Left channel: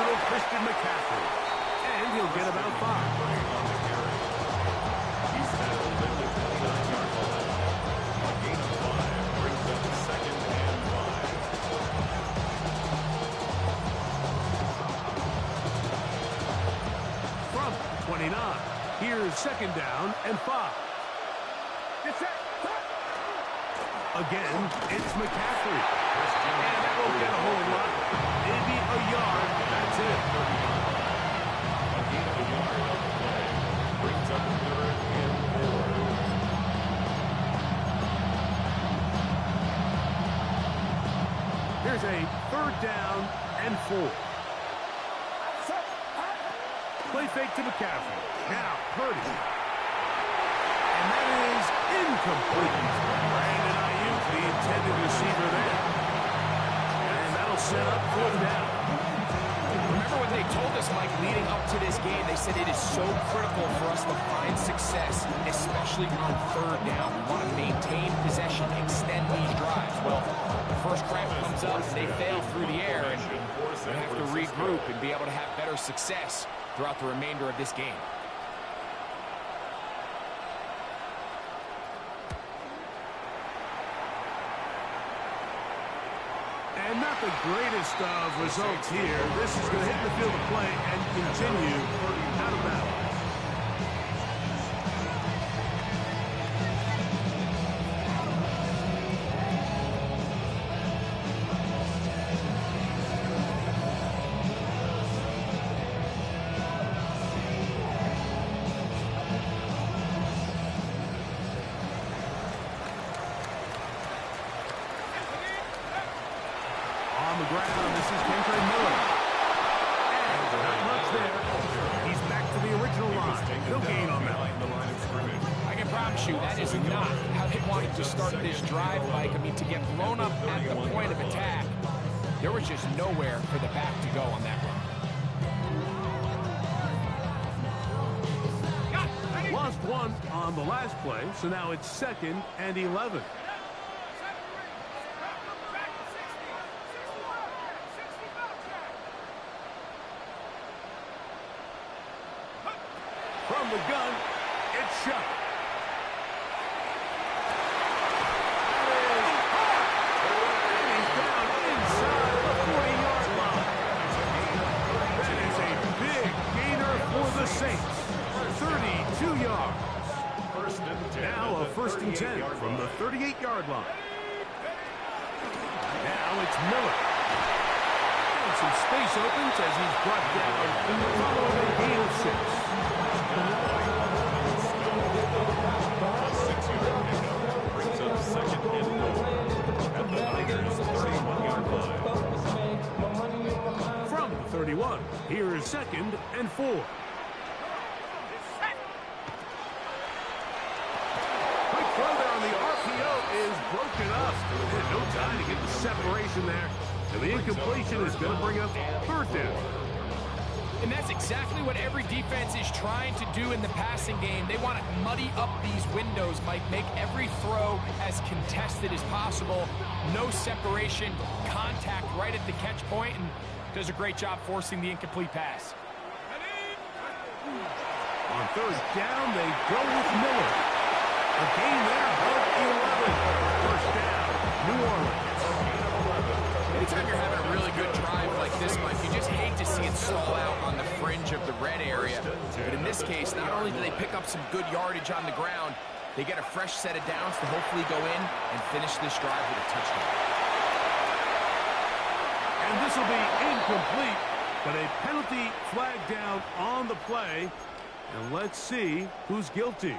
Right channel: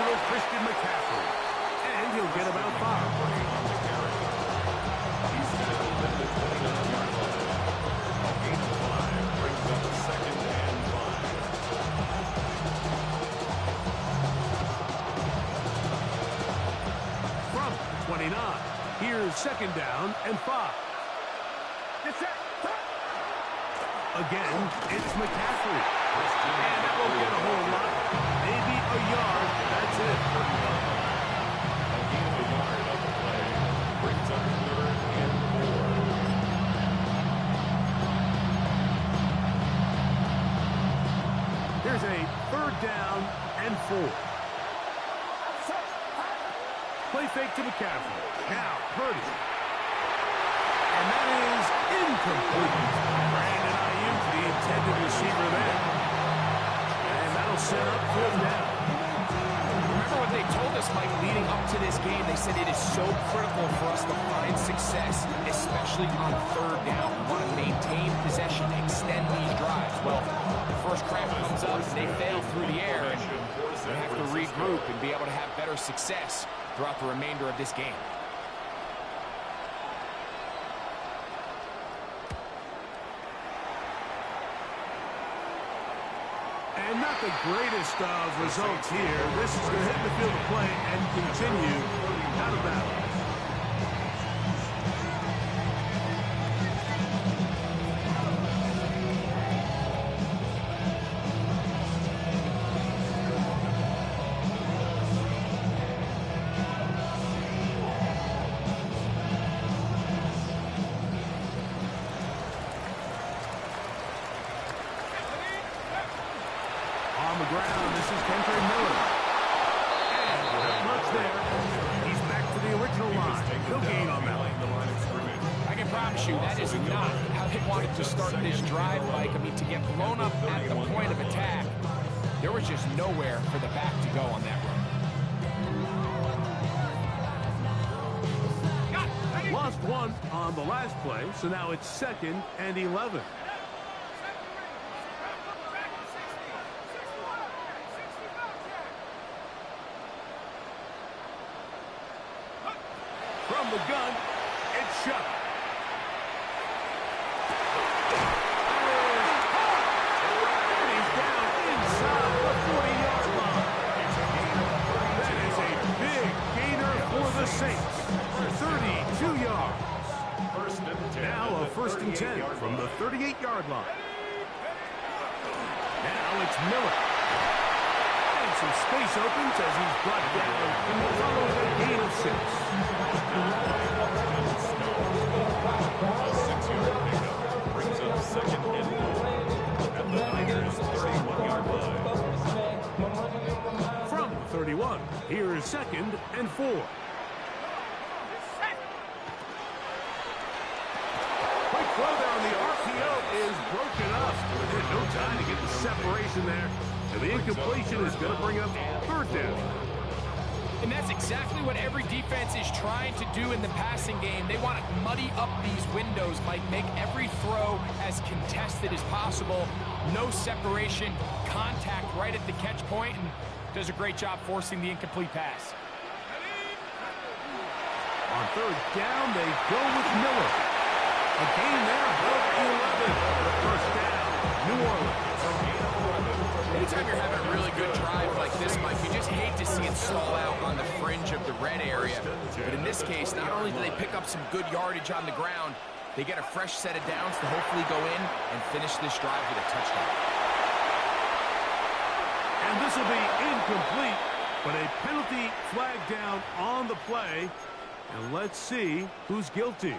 versatile Christian McCaffrey. And he'll get about 5. On the carry. He's tackled at the 29-yard line. A gain of 5 brings up 2nd and 5. From 29, here's 2nd down and 5. Again, it's McCaffrey. And that won't get a whole lot. Maybe a yard. That's it. A gain of a yard on the play. Brings up 3rd and 4. Here's a 3rd down and 4. Play fake to McCaffrey. Now, Purdy. And that is incomplete. Brandon Ayuk, the intended receiver there. And that'll set up 4th down. Remember what they told us, Mike, leading up to this game. They said it is so critical for us to find success, especially on 3rd down. We want to maintain possession, extend these drives. Well, the first crap comes up and they fail through the air, and we have to regroup and be able to have better success throughout the remainder of this game. And not the greatest of results here. This is going to hit the field of play and continue out of bounds. On the ground, this is Kendrick Miller. And not much there. He's back to the original line. No gain on that. I can promise you that is not how they wanted to start this drive, Mike. I mean, to get blown up at the point of attack, there was just nowhere for the back to go on that run. Lost 1 on the last play, so now it's 2nd and 11. From the gun, it's shot. That is hard. And he's down inside the 40-yard line. That is a big gainer for the Saints. 32 yards. Now a 1st and 10 from the 38-yard line. Now it's Miller. And some space opens as he's brought down following a gain of 6. A 6-yard pickup brings up 2nd and 4 at the Niners' 31-yard line. From the 31, here is 2nd and 4. Quick throw there on the RPO is broken up. And no time to get the separation there. And the incompletion is going to bring up 3rd down. And that's exactly what every defense is trying to do in the passing game. They want to muddy up these windows, Mike, make every throw as contested as possible. No separation, contact right at the catch point, and does a great job forcing the incomplete pass. On 3rd down, they go with Miller. A gain there of 11. 1st down, New Orleans. Anytime you're having a really good drive like this, Mike, you just hate to see it stall out on the fringe of the red area. But in this case, not only do they pick up some good yardage on the ground, they get a fresh set of downs to hopefully go in and finish this drive with a touchdown. And this will be incomplete, but a penalty flag down on the play. And let's see who's guilty.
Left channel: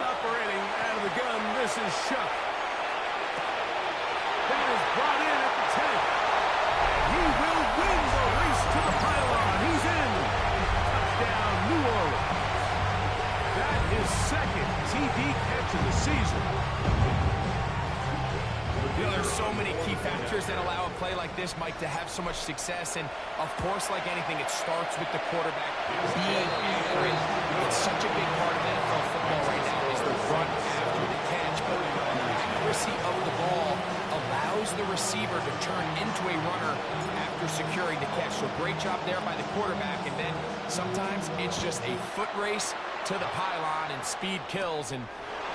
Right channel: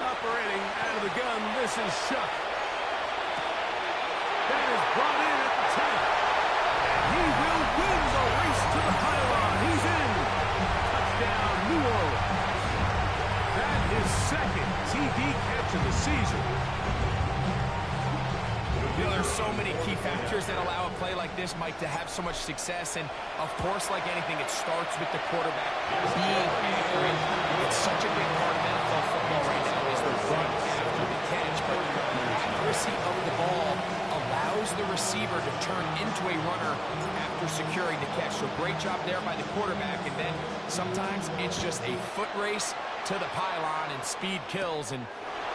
Operating out of the gun, this is Shuck. That is brought in at the 10. And he will win the race to the pylon. He's in. Touchdown, New Orleans. That had his second TD catch of the season. You know, there's so many key factors that allow a play like this, Mike, to have so much success. And, of course, like anything, it starts with the quarterback being accurate. It's such a big part of NFL football right now is the run after the catch. But accuracy of the ball allows the receiver to turn into a runner after securing the catch. So great job there by the quarterback. And then sometimes it's just a foot race to the pylon and speed kills. And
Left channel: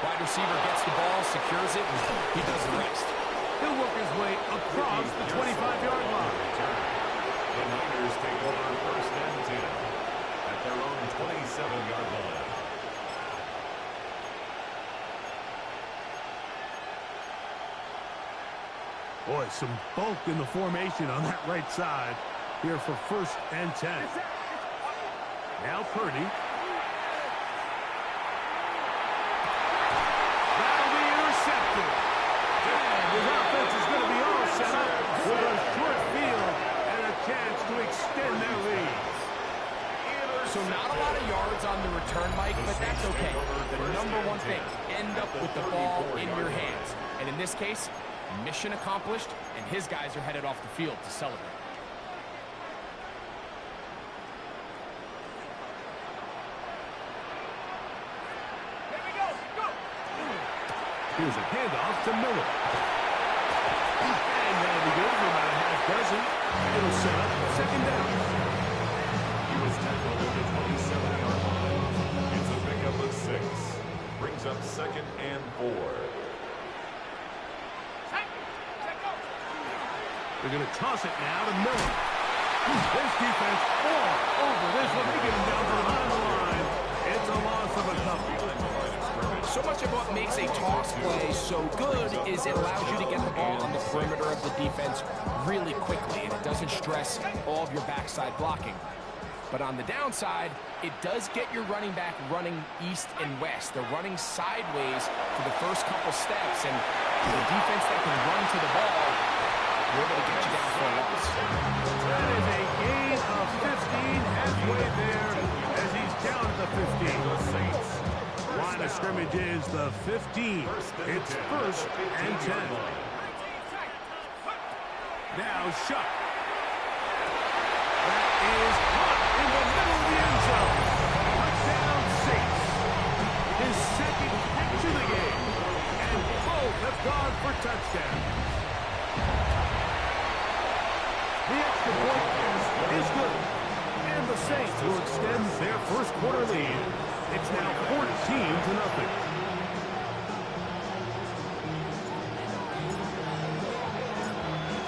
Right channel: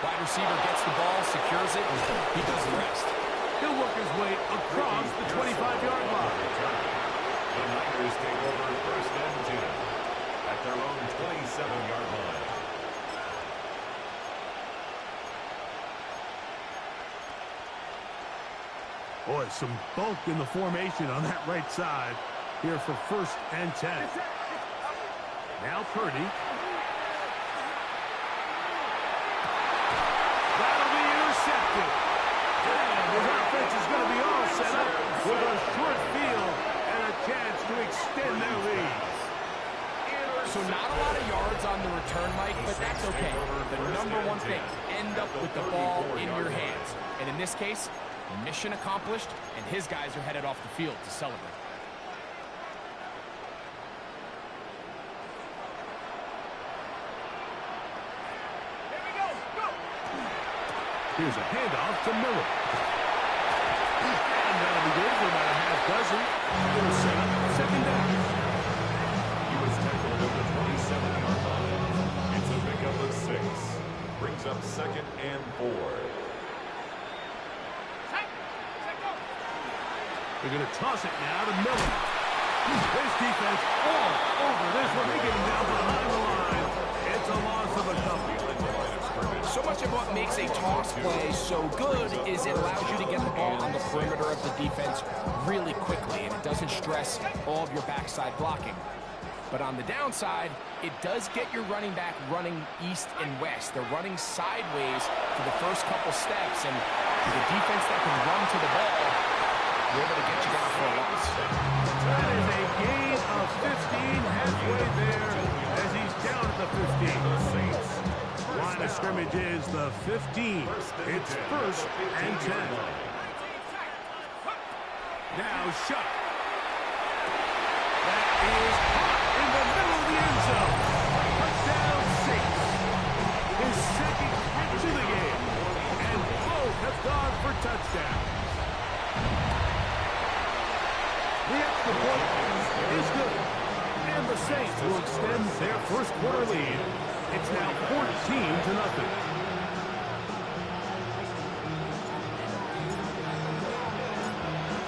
wide receiver gets the ball, secures it, and he does the rest. He'll work his way across the 25-yard line. The Niners take over first and 10 at their own 27-yard line. Boy, some bulk in the formation on that right side here for first and 10. Now Purdy. That'll be intercepted. And his offense is going to be all set up with a short field and a chance to extend their lead. So not a lot of yards on the return, Mike, but that's okay. The number one thing, end up with the ball in your hands. And in this case, mission accomplished, and his guys are headed off the field to celebrate. Here's a handoff to Miller. And that'll be good for about a half dozen. It'll set up second down. He was tackled at the 27-yard line. It's a pickup of 6. Brings up second and 4. They're going to toss it now to Miller. This defense all over this one. They get him down behind the line. It's a loss of a couple. So much of what makes a toss play so good is it allows you to get the ball on the perimeter of the defense really quickly, and it doesn't stress all of your backside blocking. But on the downside, it does get your running back running east and west. They're running sideways for the first couple steps, and to the defense that can run to the ball, you're able to get you down for a loss. That is a gain of 15 halfway there as he's down at the 15. Line of scrimmage is the 15. It's first and 10. Now Shuck. That is caught in the middle of the end zone. Touchdown Saints. His second catch of the game. And both have gone for touchdown. The extra point is good. And the Saints will extend their first quarter lead. It's now 14-0.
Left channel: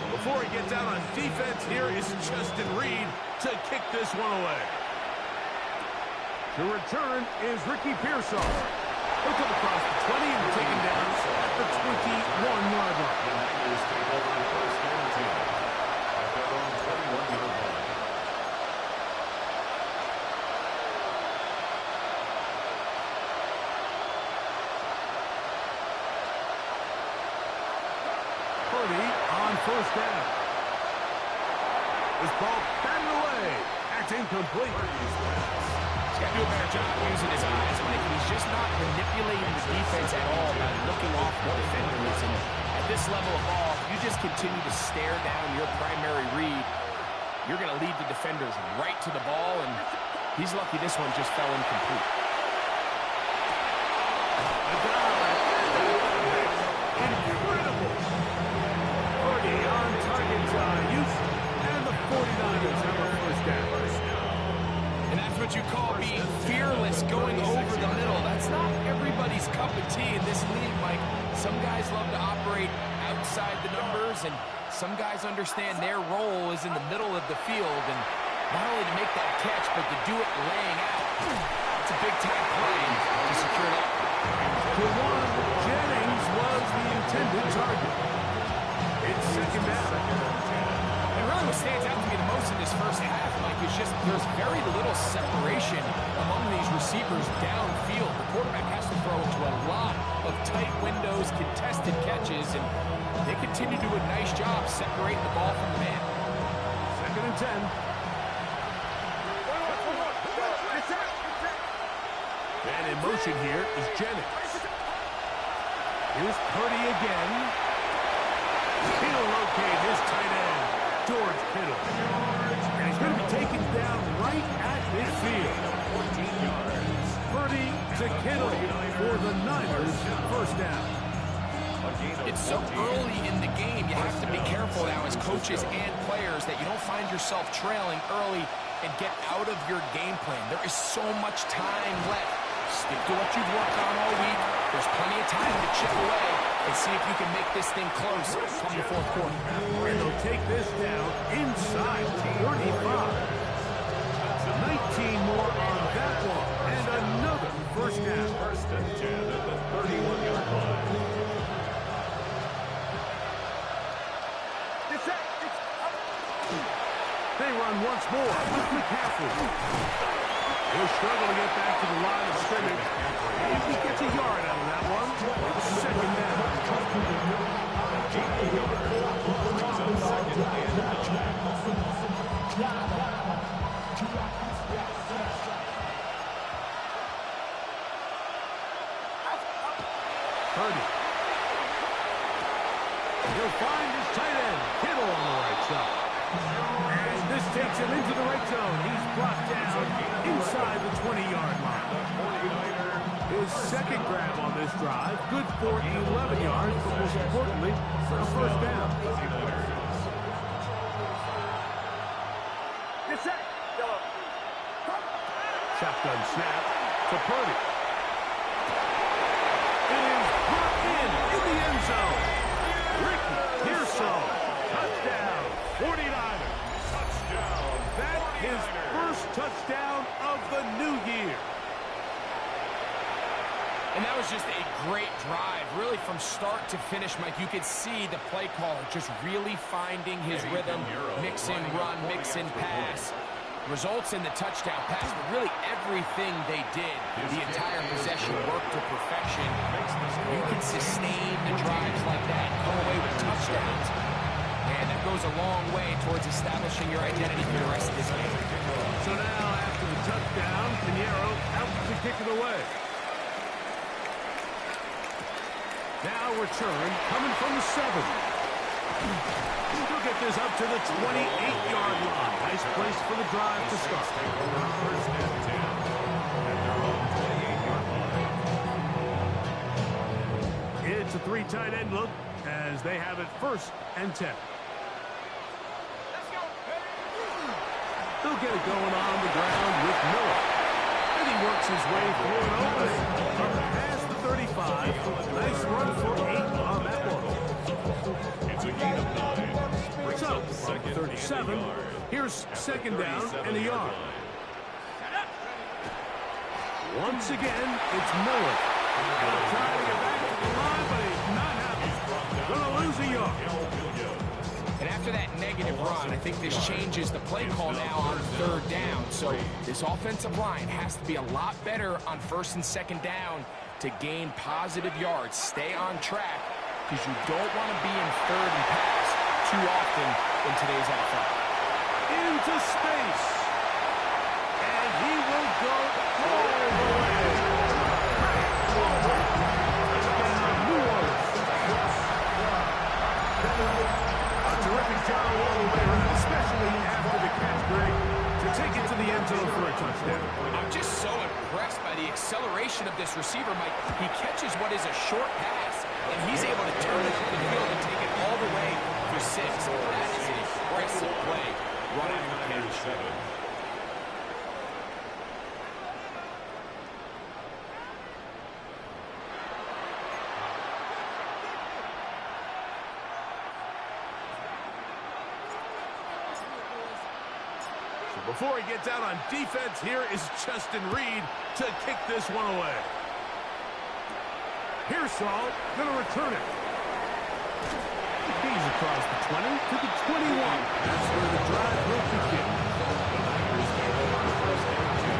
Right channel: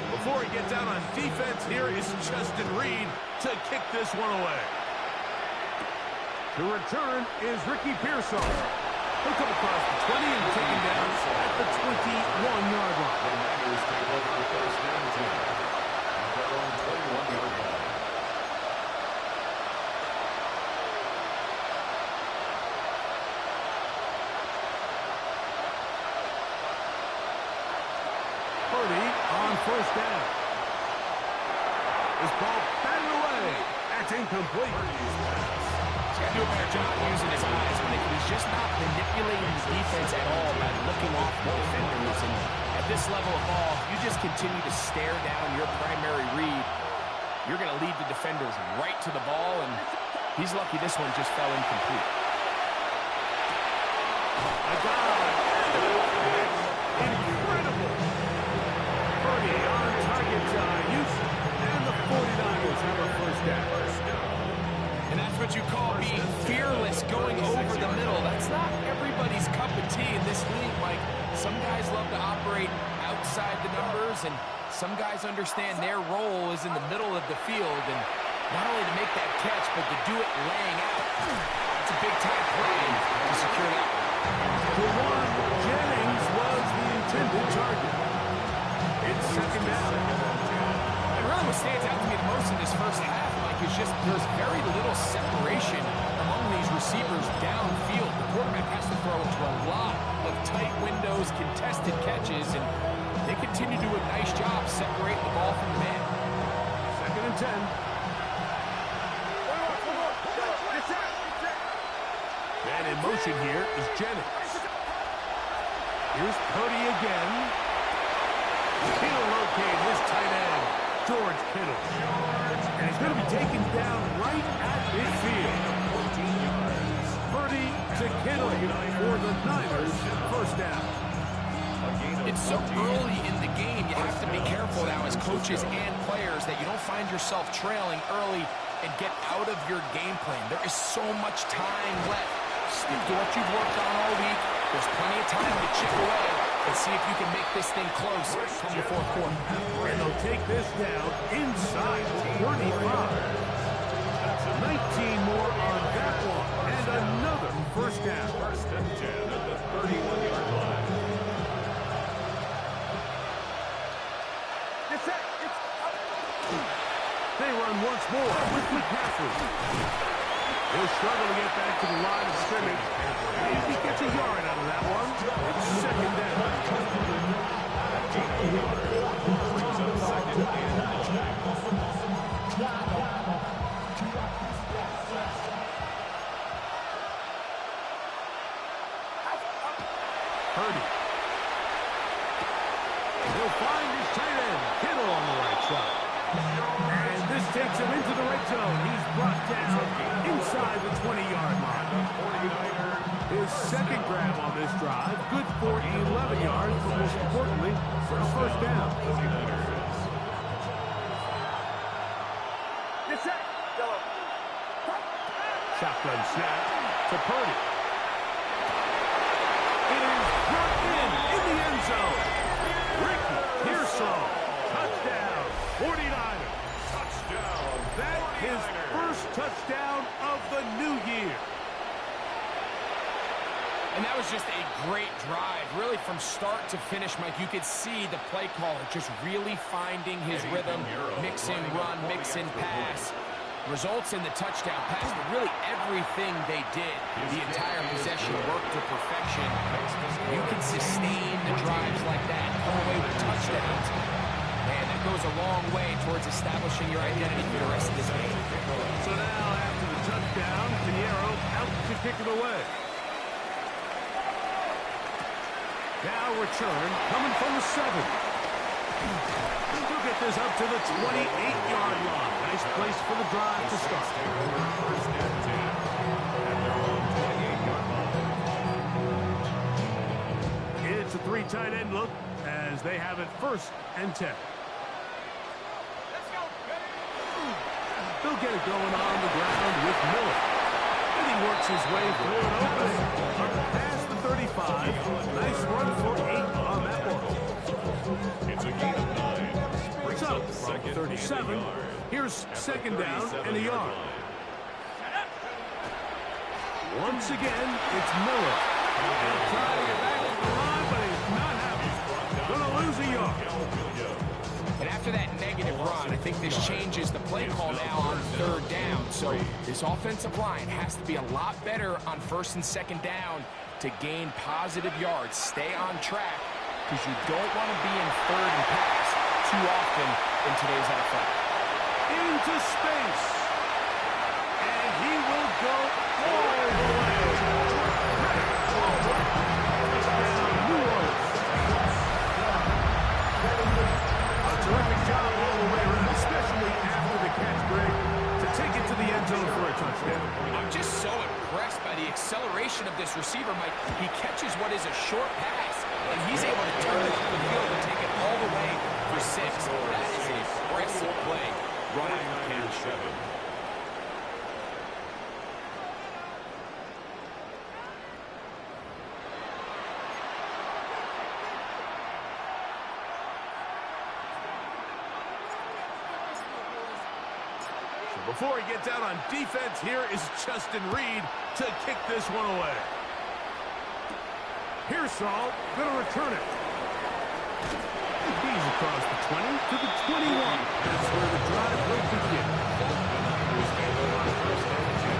Before he gets out on defense, here is Justin Reed to kick this one away. The return is Ricky Pearsall. He'll come across the 20 and take him down at the 21-yard line. The Niners take over first and 10 at their own 21-yard line. Purdy on first down. This ball batted away. That's incomplete. He's got to do a better job using his eyes, Mike. He's just not manipulating the defense at all by looking off the defenders. And at this level of ball, if you just continue to stare down your primary read, you're going to lead the defenders right to the ball, and he's lucky this one just fell incomplete. A dive. Incredible. Purdy on target use, and the 49ers have a first down. And that's what you call being fearless, going over the middle. That's not everybody's cup of tea in this league, Mike. Some guys love to operate outside the numbers, and some guys understand their role is in the middle of the field, and not only to make that catch, but to do it laying out. It's a big-time play to secure that one. Jawan Jennings was the intended target. It's second down. And really what stands out to me the most in this first half, Mike, is just there's very little separation among these receivers downfield. The quarterback has to throw into a lot of tight windows, contested catches, and they continue to do a nice job separating the ball from the man. Second and 10. And in motion here is Jennings. Here's Purdy again. He'll locate his tight end, George Kittle. And he's going to be taken down right at midfield. 14 yards. Purdy to Kittle for the Niners, first down. It's so early in the game, you have to be careful now as coaches and players that you don't find yourself trailing early and get out of your game plan. There is so much time left. Stick to what you've worked on all week. There's plenty of time to chip away and see if you can make this thing close come the fourth quarter. And they'll take this down inside 35. 19 more on that one. And another first down. First and 10 at the 31-yard line. They run once more with McCaffrey. He'll struggle to get back to the line of scrimmage. If he gets a yard out of that one, it's second down. Brings up second and 9. Purdy. He'll find his tight end, Kittle, on the right side. And this takes him into the red zone. He's brought down inside the 20-yard line. His second grab on this drive, good for 11 yards, but most importantly, for a first down. Shotgun snap to Purdy. It is brought in the end zone. Ricky Pearsall, touchdown, 49ers. Touchdown. That his first touchdown of the new year. And that was just a great drive, really from start to finish, Mike. You could see the play caller just really finding his rhythm, mix in run, mix in pass. Results in the touchdown pass, but really everything they did, the entire possession worked to perfection. You can sustain the drives like that, come away with touchdowns. Man, that goes a long way towards establishing your identity for the rest of this game. So now, after the touchdown, Pinheiro out to kick it away. Now return, coming from the 7. He'll get this up to the 28-yard line. Nice place for the drive to start. Take over first and 10 at their own 28-yard line. It's a 3 tight end look as they have it first and 10. They'll get it going on the ground with Miller. And he works his way through an opening. Up past the 35. Nice run for 8 on that one. It's a gain of 9. Brings So, up from second 37, and a yard. here's second down and a yard. Once again, it's Miller. He'll try to get back to the line, but he's not happy. Gonna lose a yard. And after that negative run, I think this changes the play call now on third down. So this offensive line has to be a lot better on first and second down to gain positive yards. Stay on track because you don't want to be in third and pass too often in today's NFL. Into space. And he will go all the way. Touchdown, New Orleans. A terrific job all the way around, especially after the catch break, to take it to the end zone for a touchdown. I'm just so impressed by the acceleration of this receiver, Mike. He catches what is a short pass, and he's able to turn it up the field and take it all the way for 6. That is an impressive play right after the catch. Before he gets out on defense, here is Justin Reed to kick this one away. Pearsall going to return it. He's across the 20 to the 21. That's where the drive will begin. The Niners take over first and 10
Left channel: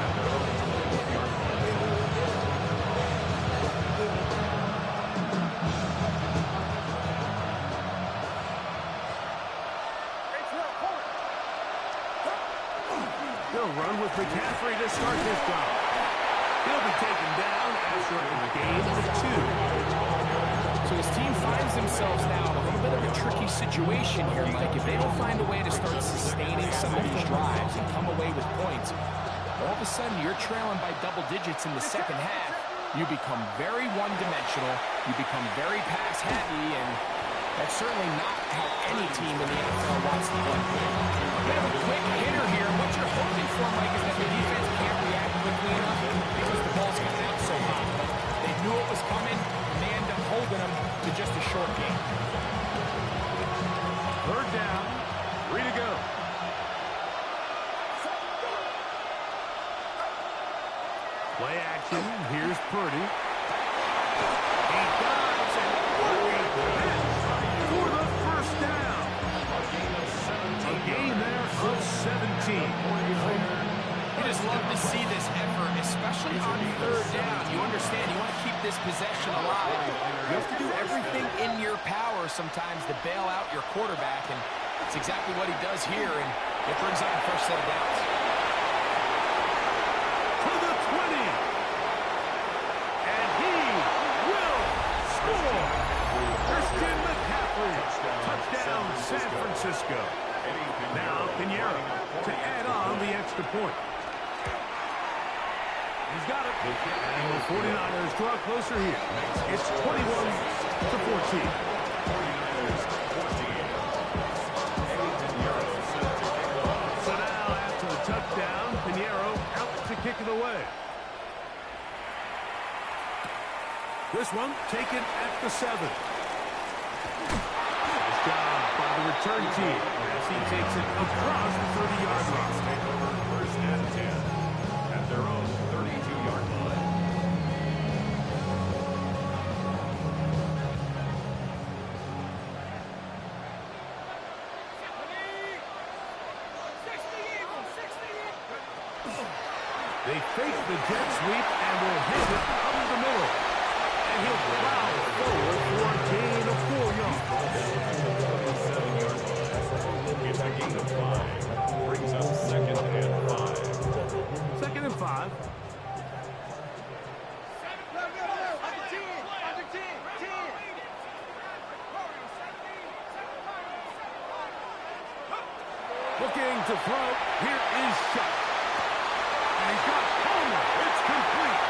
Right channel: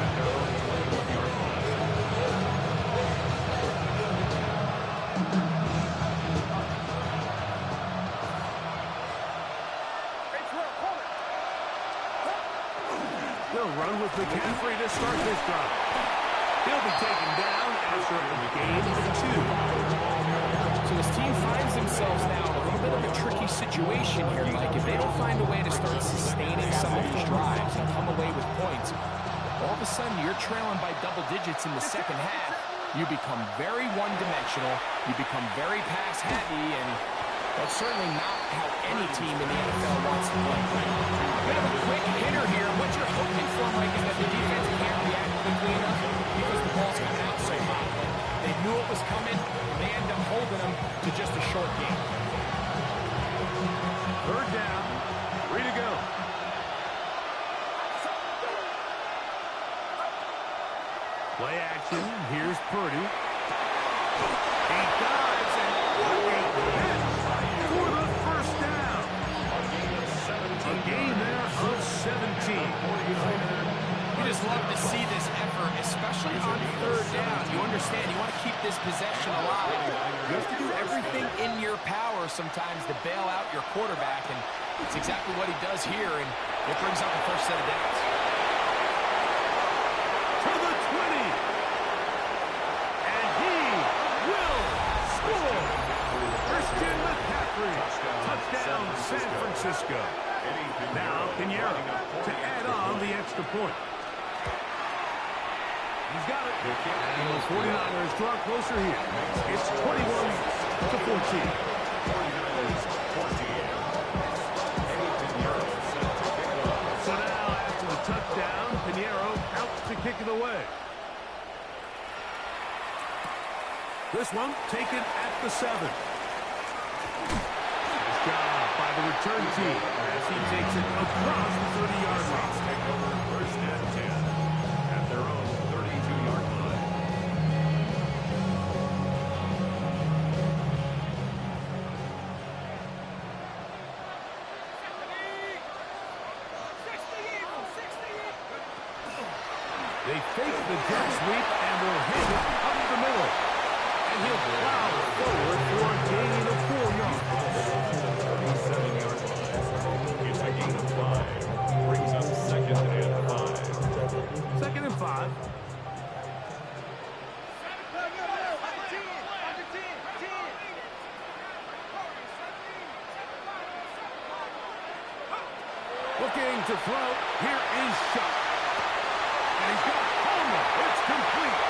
at their own 21-yard line. They'll run with McCaffrey to start this drive. He'll be taken down after a gain of 2. So his team finds themselves now in a little bit of a tricky situation here, Mike. If they don't find a way to start sustaining some of these drives and come away with points, all of a sudden you're trailing by double digits in the second half. You become very one-dimensional. You become very pass-heavy, and that's certainly not how any team in the NFL wants to play. A bit of a quick hitter here. What you're hoping for, Mike, is that the defense can't react quickly enough because the ball's coming out so hot. But they knew it was coming, and they end up holding them to just a short game. Third down, 3 to go. Play action. Here's Purdy. He dives, and what a catch for the first down. A gain there of 17. You just love to see this effort, especially on third down. You understand, you want to keep this possession alive. You have to do everything in your power sometimes to bail out your quarterback, and it's exactly what he does here, and it brings up a fresh set of downs. To the 20. And he will score. Christian McCaffrey. Touchdown, San Francisco. Now, Pinheiro to add on the extra point. He's got it. And the 49ers draw closer here. It's 21-14. 49ers 14. Eddie Pinheiro set to kick off. So now, after the touchdown, Pinheiro out to kick it away. This one taken at the 7. Nice job by the return team as he takes it across the 30-yard line. Take over first and 10 at their own 32-yard line. They fake the jet sweep and will hand it up the middle. And he'll plow forward for a gain of 4 yards. At the 37-yard line. It's a gain of 5. Brings up second and 5. Second and 5. Looking to throw. Here is Shuck. And he's got Homer. It's complete.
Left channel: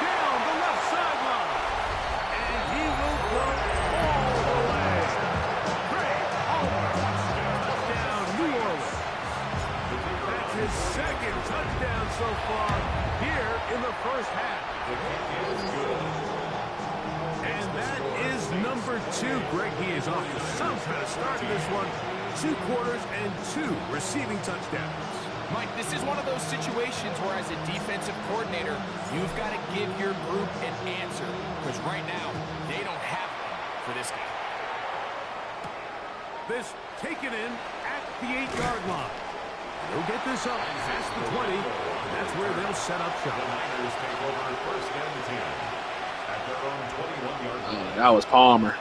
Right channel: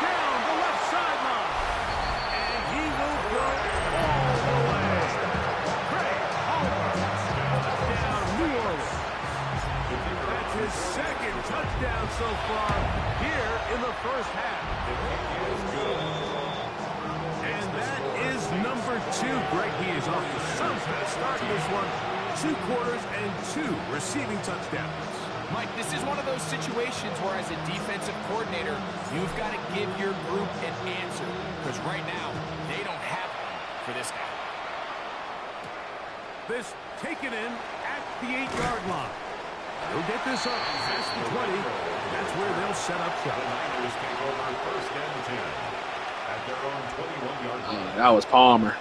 Down the left sideline. And he will go all the way. Great Homer. Touchdown, New Orleans. That's his second touchdown so far here in the first half. The kick is good. And that is number 2. Greg, he is off to some kind of start in this one. 2 quarters and 2 receiving touchdowns. Mike, this is one of those situations where as a defensive coordinator, you've got to give your group an answer. Because right now, they don't have one for this guy. This taken in at the 8-yard line. They'll get this up past the 20. And that's where they'll set up shop. The Niners take over first and 10 at their own 21-yard line. That was Palmer.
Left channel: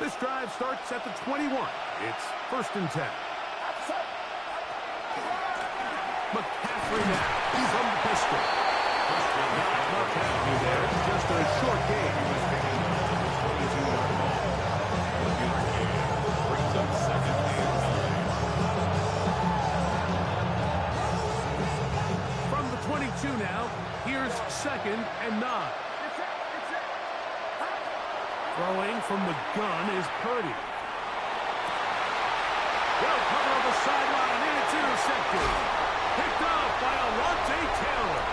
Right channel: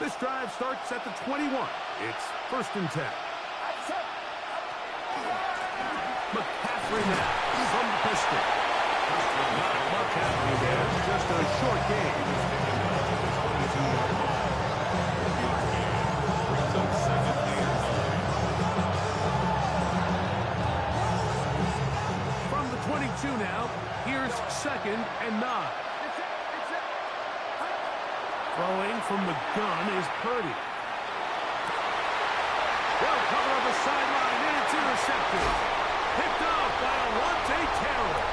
This drive starts at the 21. It's first and 10. McCaffrey now from the pistol. Not much happening there. Just a short game. He was taken down at the 22-yard line. 1-yard gain. Brings up second and 9. From the 22 now, here's second and 9. Throwing from the gun is Purdy. Well covered on the sideline, and it's intercepted. Picked up by Alontae Taylor.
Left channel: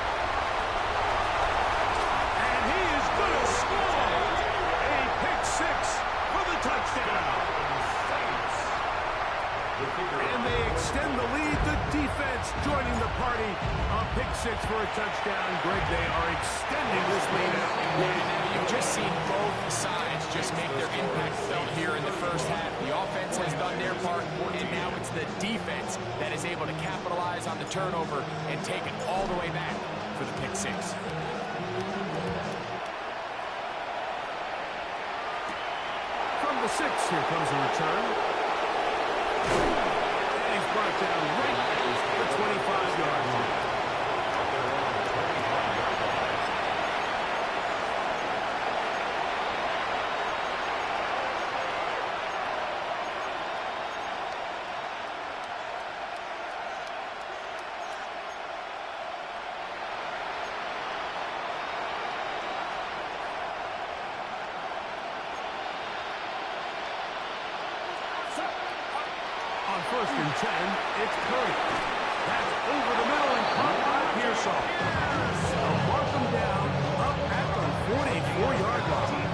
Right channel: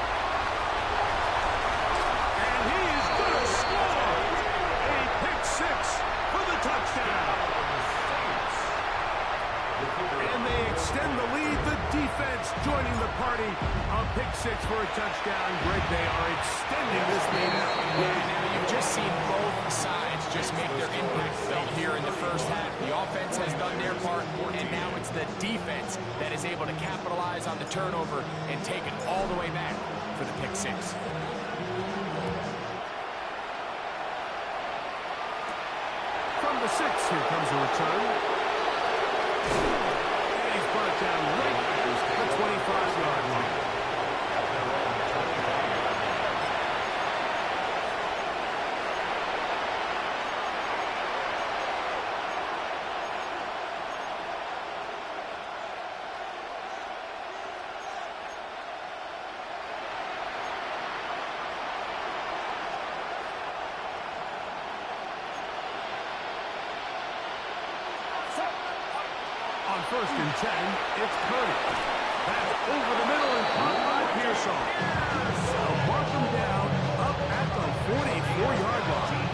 And he is going to score. A pick 6 for the touchdown. And they extend the lead. The defense joining the party. A pick 6 for a touchdown. Greg, they are extending this lead out. Yeah, now you've just seen both sides just make their impact felt here in the first half. The offense has done their part, and now it's the defense that is able to capitalize on the turnover and take it all the way back for the pick 6. From the 6. Here comes a return. And he's brought down right at the 25-yard line. They're on the 25-yard line. On 1st and 10, it's Purdy. That's over the middle and caught by Pearsall. They'll mark him down up at the 44-yard line.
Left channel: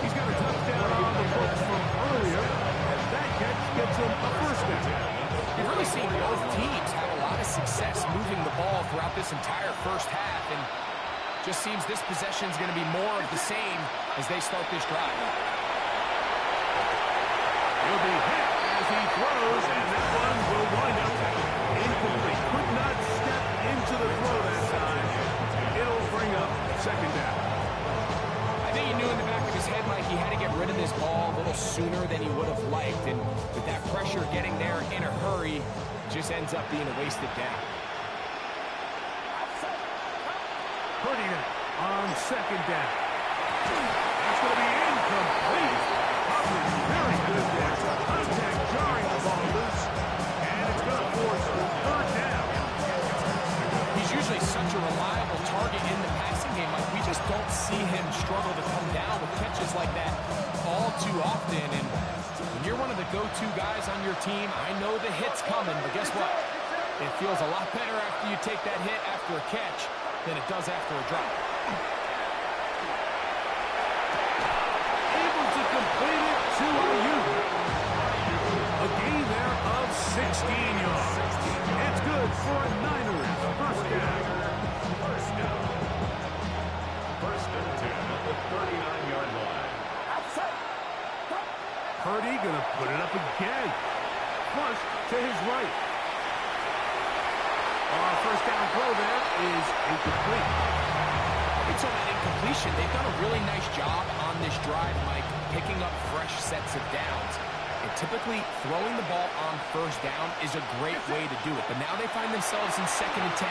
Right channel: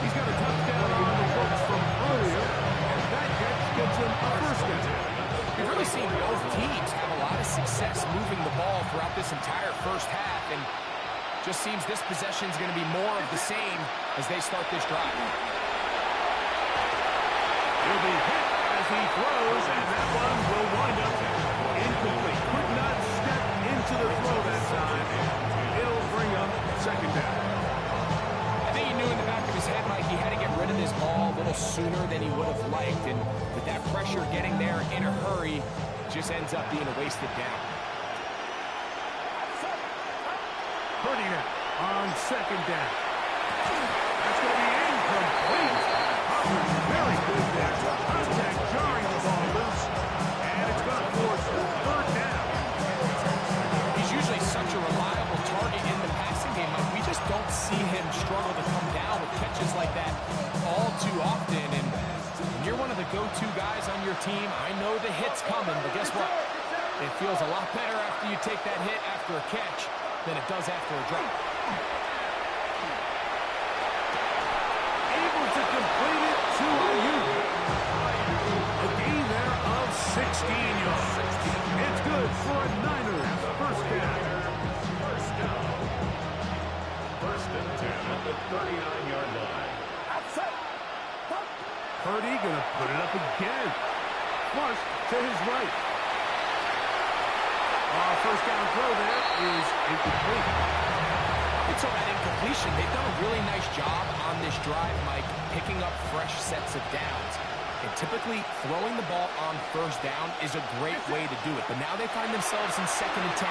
He's got a touchdown on the books from earlier, and that catch gets him a first down. We've really seen both teams have a lot of success moving the ball throughout this entire first half, and just seems this possession is going to be more of the same as they start this drive. He'll be hit as he throws, and that one will wind up incomplete. Could not step into the throw that time. It'll bring up second down. I think he knew in the back of his head, Mike, he had to get rid of this ball a little sooner than he would have liked, and with that pressure getting there in a hurry, just ends up being a wasted down. Purdy now on second down. That's going to be incomplete. Coverage very good there. Contact jarring the ball loose, and it's going to force third down. He's usually such a reliable target in the passing game. Like, we just don't see him struggle to come down with catches like that all too often. And when you're one of the go-to guys on your team, I know the hit's coming, but guess what? It feels a lot better after you take that hit after a catch than it does after a drop. Able to complete it to Ayuk. A gain there of 16 yards. It's good for a Niners first down. First and 10 at the 39-yard line. Purdy going to put it up again. Flush to his right. First down throw there is incomplete. Up until that incompletion, they've done a really nice job on this drive, Mike, picking up fresh sets of downs. And typically, throwing the ball on first down is a great way to do it. But now they find themselves in 2nd and 10.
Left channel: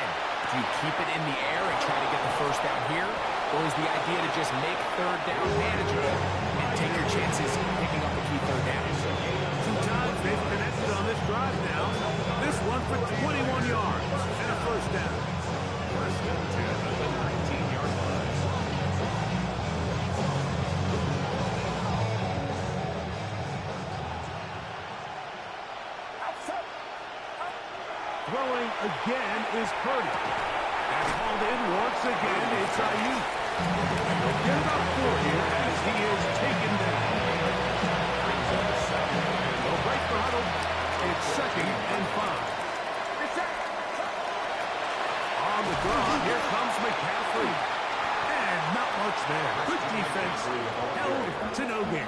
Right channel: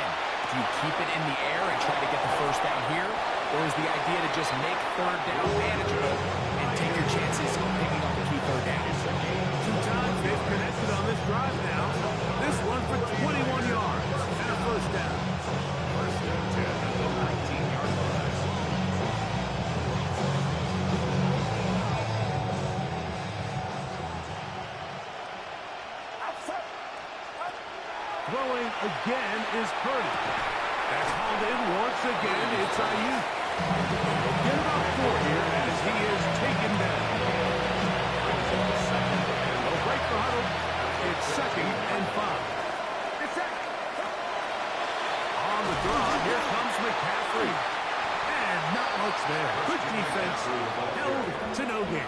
Do you keep it in the air and try to get the first down here? Or is the idea to just make third down manageable and take your chances picking up a key third down? 2 times they've connected on this drive now. This one for 21 yards and a first down. First and 10 at the 19-yard line. Throwing again is Purdy. That's hauled in once again. It's Ayuk. He'll get about 4 here as he is taken down. They'll break the huddle. It's 2nd and 5. On the draw, here comes McCaffrey. And not much there. Good defense. Held to no gain.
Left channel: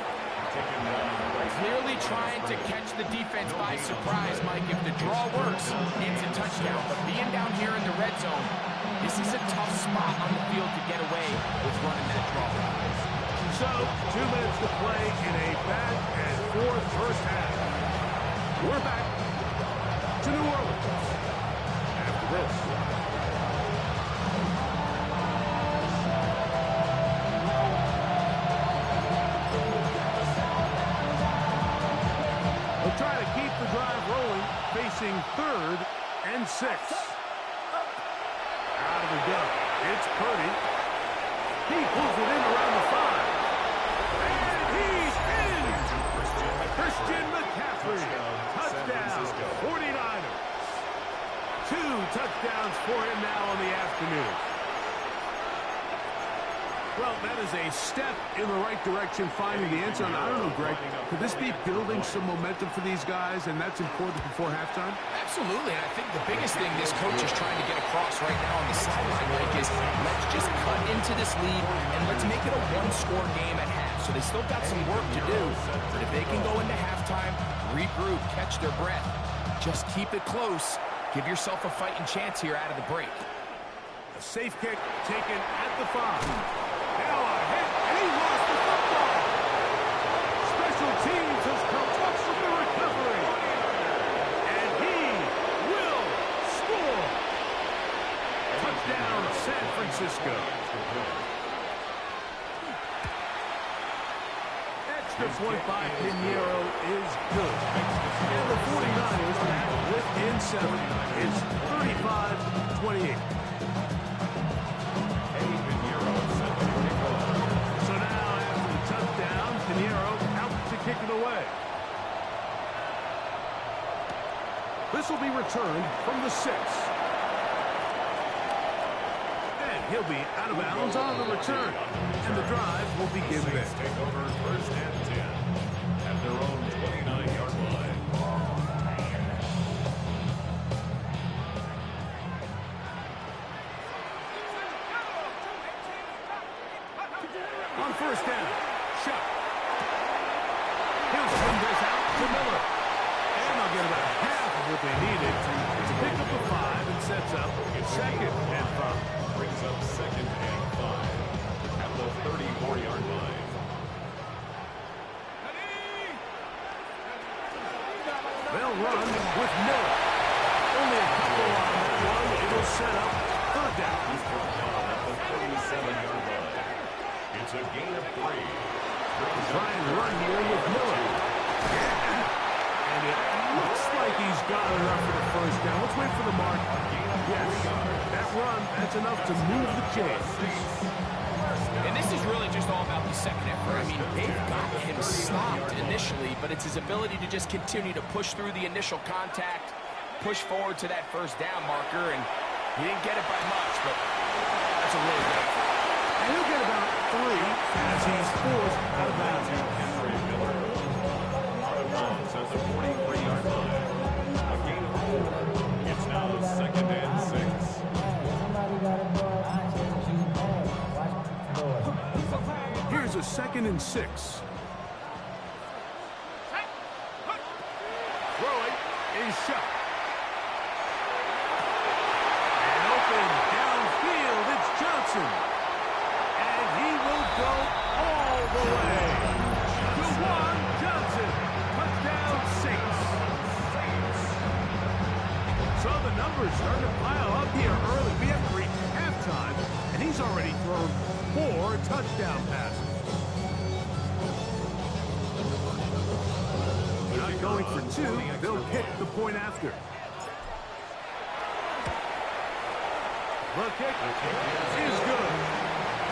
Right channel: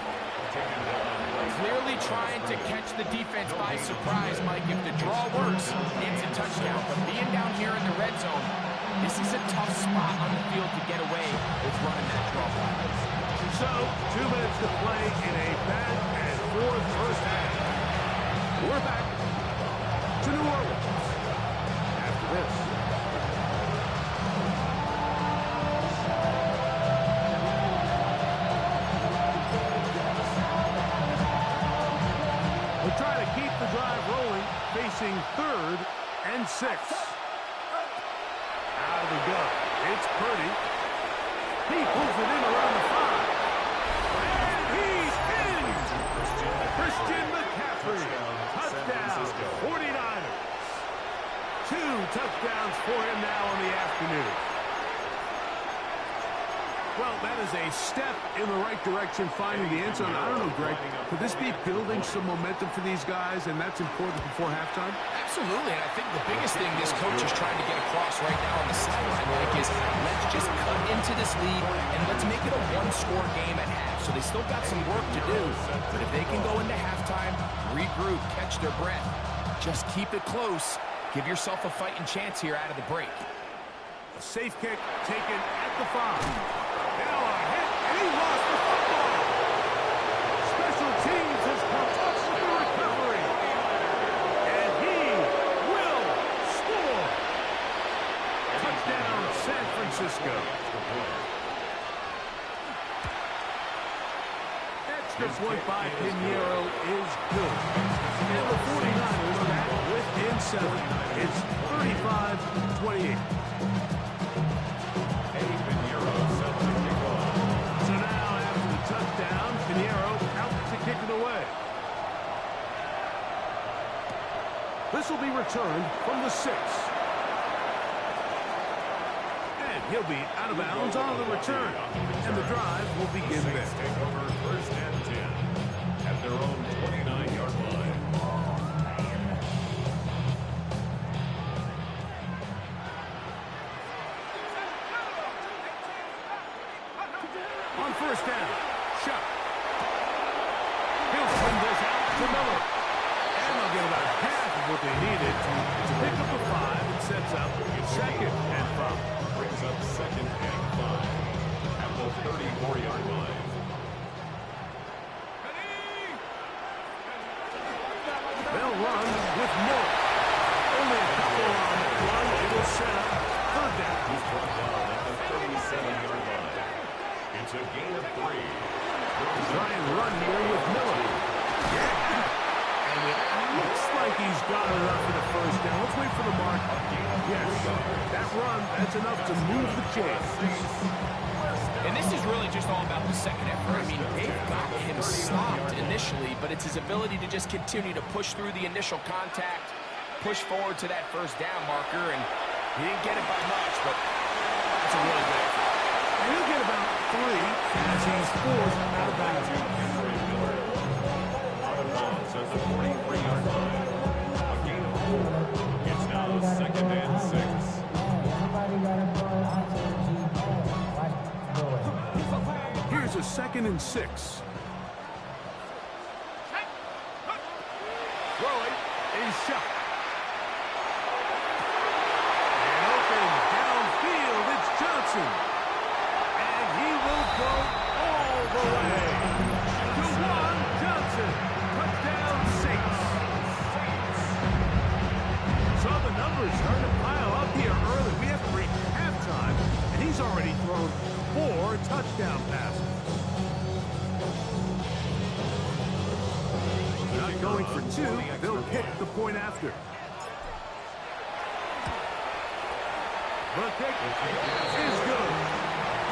Clearly trying to catch the defense by surprise, Mike. If the draw works, it's a touchdown. But being down here in the red zone, this is a tough spot on the field to get away with running that draw. So, 2 minutes to play in a back and forth first half. We're back to New Orleans after this. They'll try to keep the drive rolling, facing 3rd and 6. Out of the gun, it's Purdy. He pulls it in around the 5. And he's in! Christian McCaffrey. Touchdown, 49ers. 2 touchdowns for him now on the afternoon. Well, that is a step in the right direction, finding the end zone. I don't know, Greg, could this be building some momentum for these guys, and that's important before halftime? Absolutely, and I think the biggest thing this coach is trying to get across right now on the sideline, Mike, is let's just cut into this lead, and let's make it a one-score game at half. So they still got some work to do, but if they can go into halftime, regroup, catch their breath, just keep it close, give yourself a fighting chance here out of the break. A safe kick taken at the 5. Now a hit, and he lost the football. teams has come up with the recovery. And he will score. Touchdown, San Francisco. Extra point by Pinheiro is good. And the 49ers back within 7. It's 35-28. Eddie Pinheiro set to kick off. So now after the touchdown, Pinheiro out to kick it away. This will be returned from the 6. And he'll be out of bounds on the return. And the drive will begin there. Saints take over first and 10 at their own 29-yard line. On first down, Shuck. He'll swing this out to Miller. And they'll get about half of what they needed to pick up a 5 and sets up second and 5. Brings up second and 5 at the 34-yard line. They'll run with Miller. Only a couple on that one. It'll set up third down. He's brought down at the 37-yard line. It's a gain of 3. Try and run here with Miller. Yeah. And it looks like he's got enough for the first down. Let's wait for the mark. Yes, that run, that's enough to move the chains. And this is really just all about the second effort. I mean, they've got him stopped initially, but it's his ability to just continue to push through the initial contact, push forward to that first down marker, and he didn't get it by much, but that's a really good effort. And he'll get about 3 as he's forced out of bounds. Henry Miller out of bounds at the 43-yard line. A gain of 4. It's now second and 6. Here's a 2nd and 6. Throwing is Shuck. And open downfield, it's Johnson. And he will go all the way. Juwan Johnson. Touchdown, Saints. So the numbers starting to pile up here early. We haven't reached halftime, and he's already thrown 4 touchdown passes. Not going for 2. They'll kick the point after. The kick is good.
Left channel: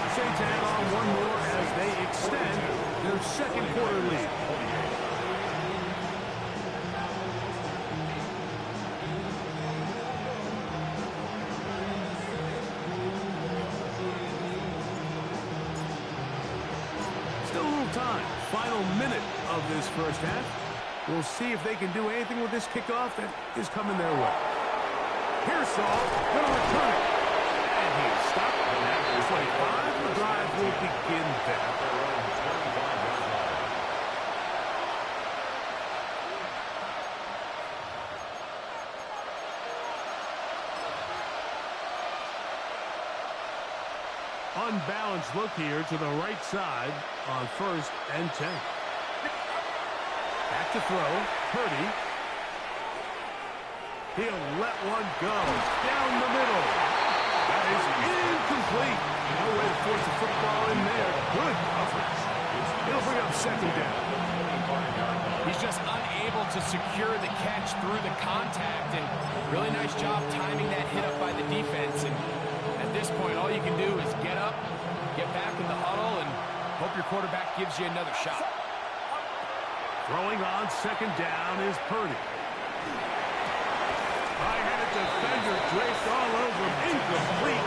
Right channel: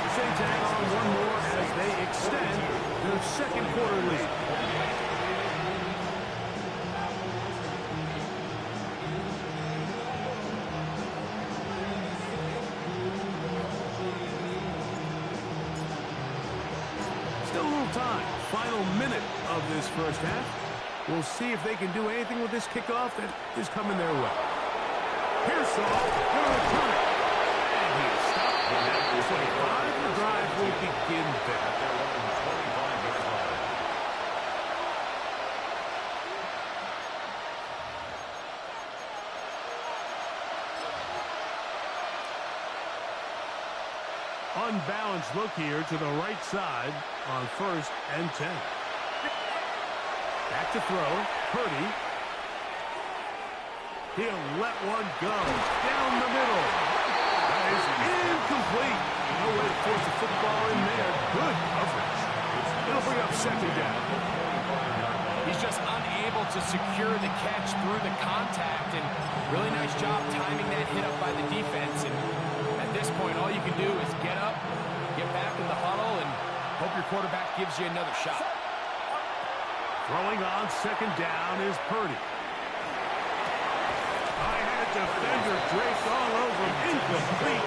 The Saints add on one more as they extend their second quarter lead. Still a little time. Final minute of this first half. We'll see if they can do anything with this kickoff that is coming their way. Pearsall going to return it. And he is stopped at the 25. The drive will begin there. At their own 25-yard line. Unbalanced look here to the right side on first and 10. Back to throw. Purdy. He'll let one go. Down the middle. That is incomplete. No way to force the football in there. Good coverage. It'll bring up second down. He's just unable to secure the catch through the contact, and really nice job timing that hit up by the defense. And at this point, all you can do is get up, get back in the huddle, and hope your quarterback gives you another shot. Throwing on second down is Purdy. I had a defender draped all over him. Incomplete.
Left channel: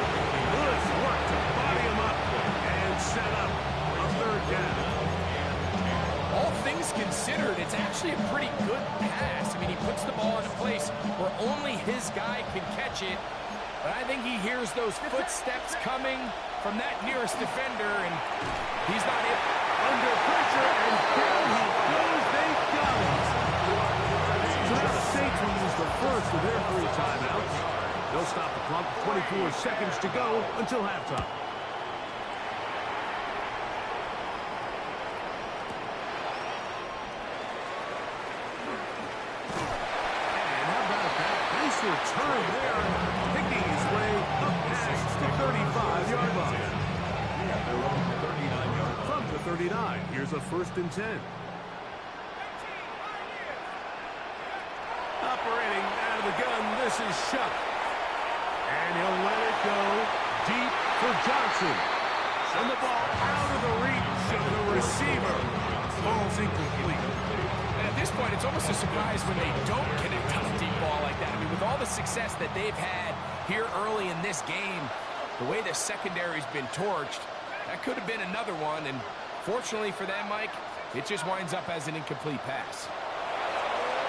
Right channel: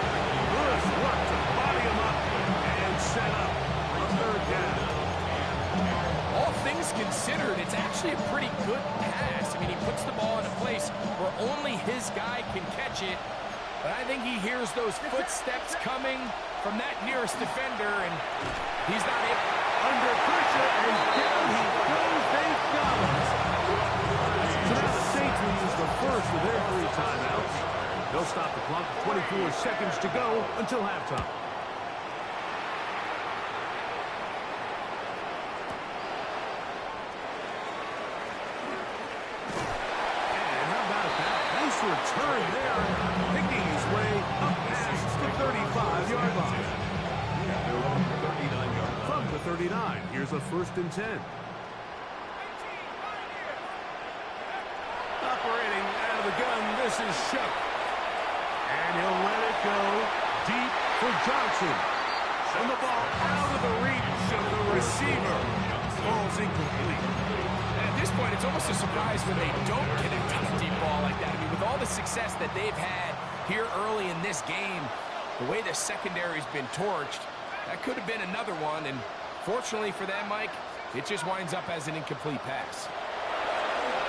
Good work to body him up and set up a third down. All things considered, it's actually a pretty good pass. I mean, he puts the ball in a place where only his guy can catch it. But I think he hears those footsteps coming from that nearest defender, and he's not able. Under pressure, and down he goes. They got him. So now the Saints will use the first of their 3 timeouts. They'll stop the clock with 24 seconds to go until halftime. Nice return there, picking his way up past the 35-yard line. At their own 39-yard line. From the 39, here's a 1st and 10. Operating out of the gun, this is Shuck. And he'll let it go deep for Johnson. And the ball out of the reach of the receiver. Ball's incomplete. And at this point, it's almost a surprise when they don't connect on a deep ball like that. I mean, with all the success that they've had here early in this game, the way the secondary's been torched, that could have been another one. And fortunately for them, Mike, it just winds up as an incomplete pass.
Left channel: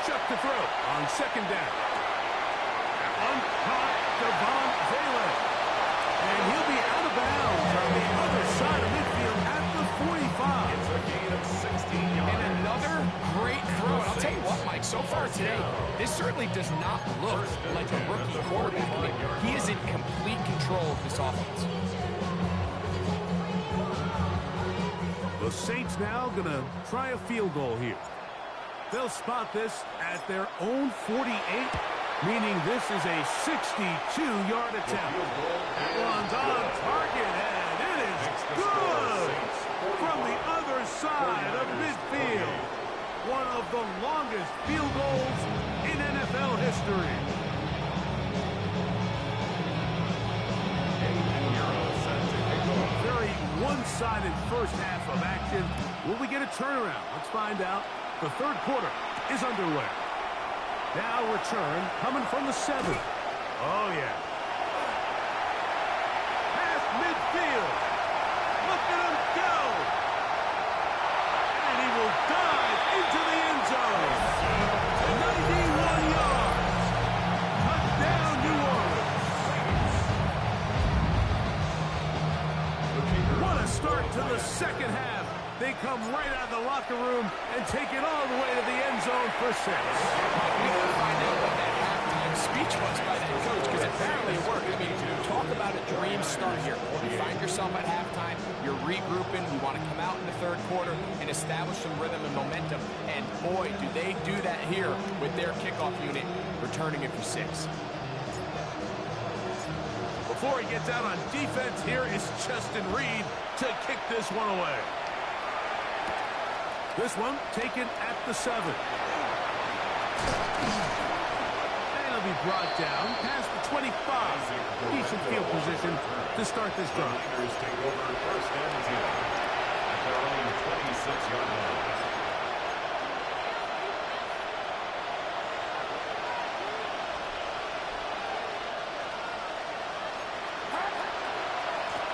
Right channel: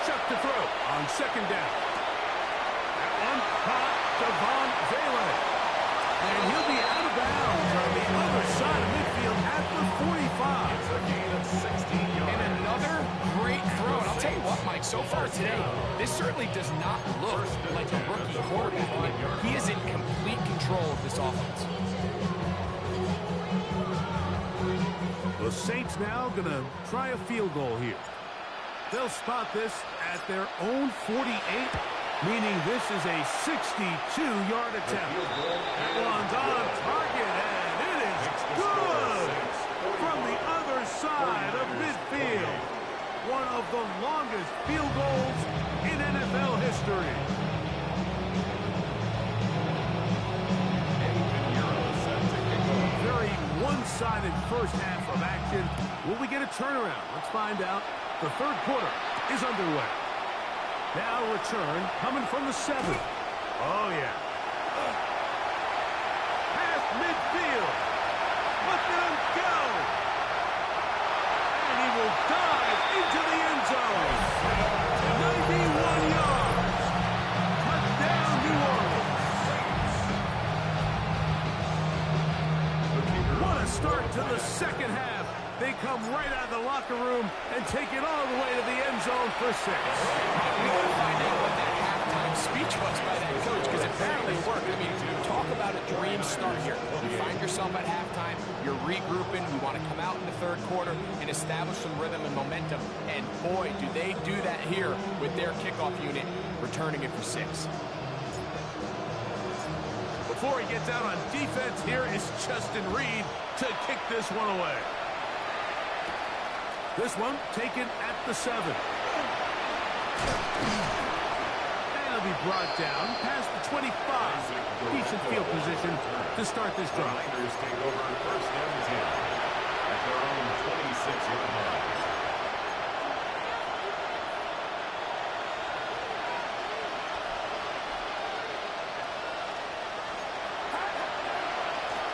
Chuck to throw on 2nd down. That one caught Devon Valen. And he'll be out of bounds on the other side of midfield at the 45. It's a gain of 16 yards. And another great throw. And I'll tell you what, Mike, so far today, this certainly does not look like a rookie quarterback. I mean, he is in complete control of this offense. The Saints now going to try a field goal here. They'll spot this at their own 48, meaning this is a 62-yard attempt. That one's on target, and it is good from the other side of midfield. One of the longest field goals in NFL history. Very one-sided first half of action. Will we get a turnaround? Let's find out. The 3rd quarter is underway. Now return coming from the 7. Oh, yeah. Past midfield. Look at him go. And he will dive into the end zone. 91 yards. Touchdown, New Orleans. What a start to the 2nd half. They come right out of the locker room and take it all the way to the end zone for 6. We got to find out what that halftime speech was by that coach, because apparently it worked. I mean, talk about a dream start here. You find yourself at halftime, you're regrouping, you want to come out in the 3rd quarter and establish some rhythm and momentum, and boy, do they do that here with their kickoff unit, returning it for 6. Before he gets out on defense, here is Justin Reed to kick this one away. This one taken at the 7. And it'll be brought down past the 25. Decent field position to start this drive. The Niners take over 1st and 10 at their own 26-yard line.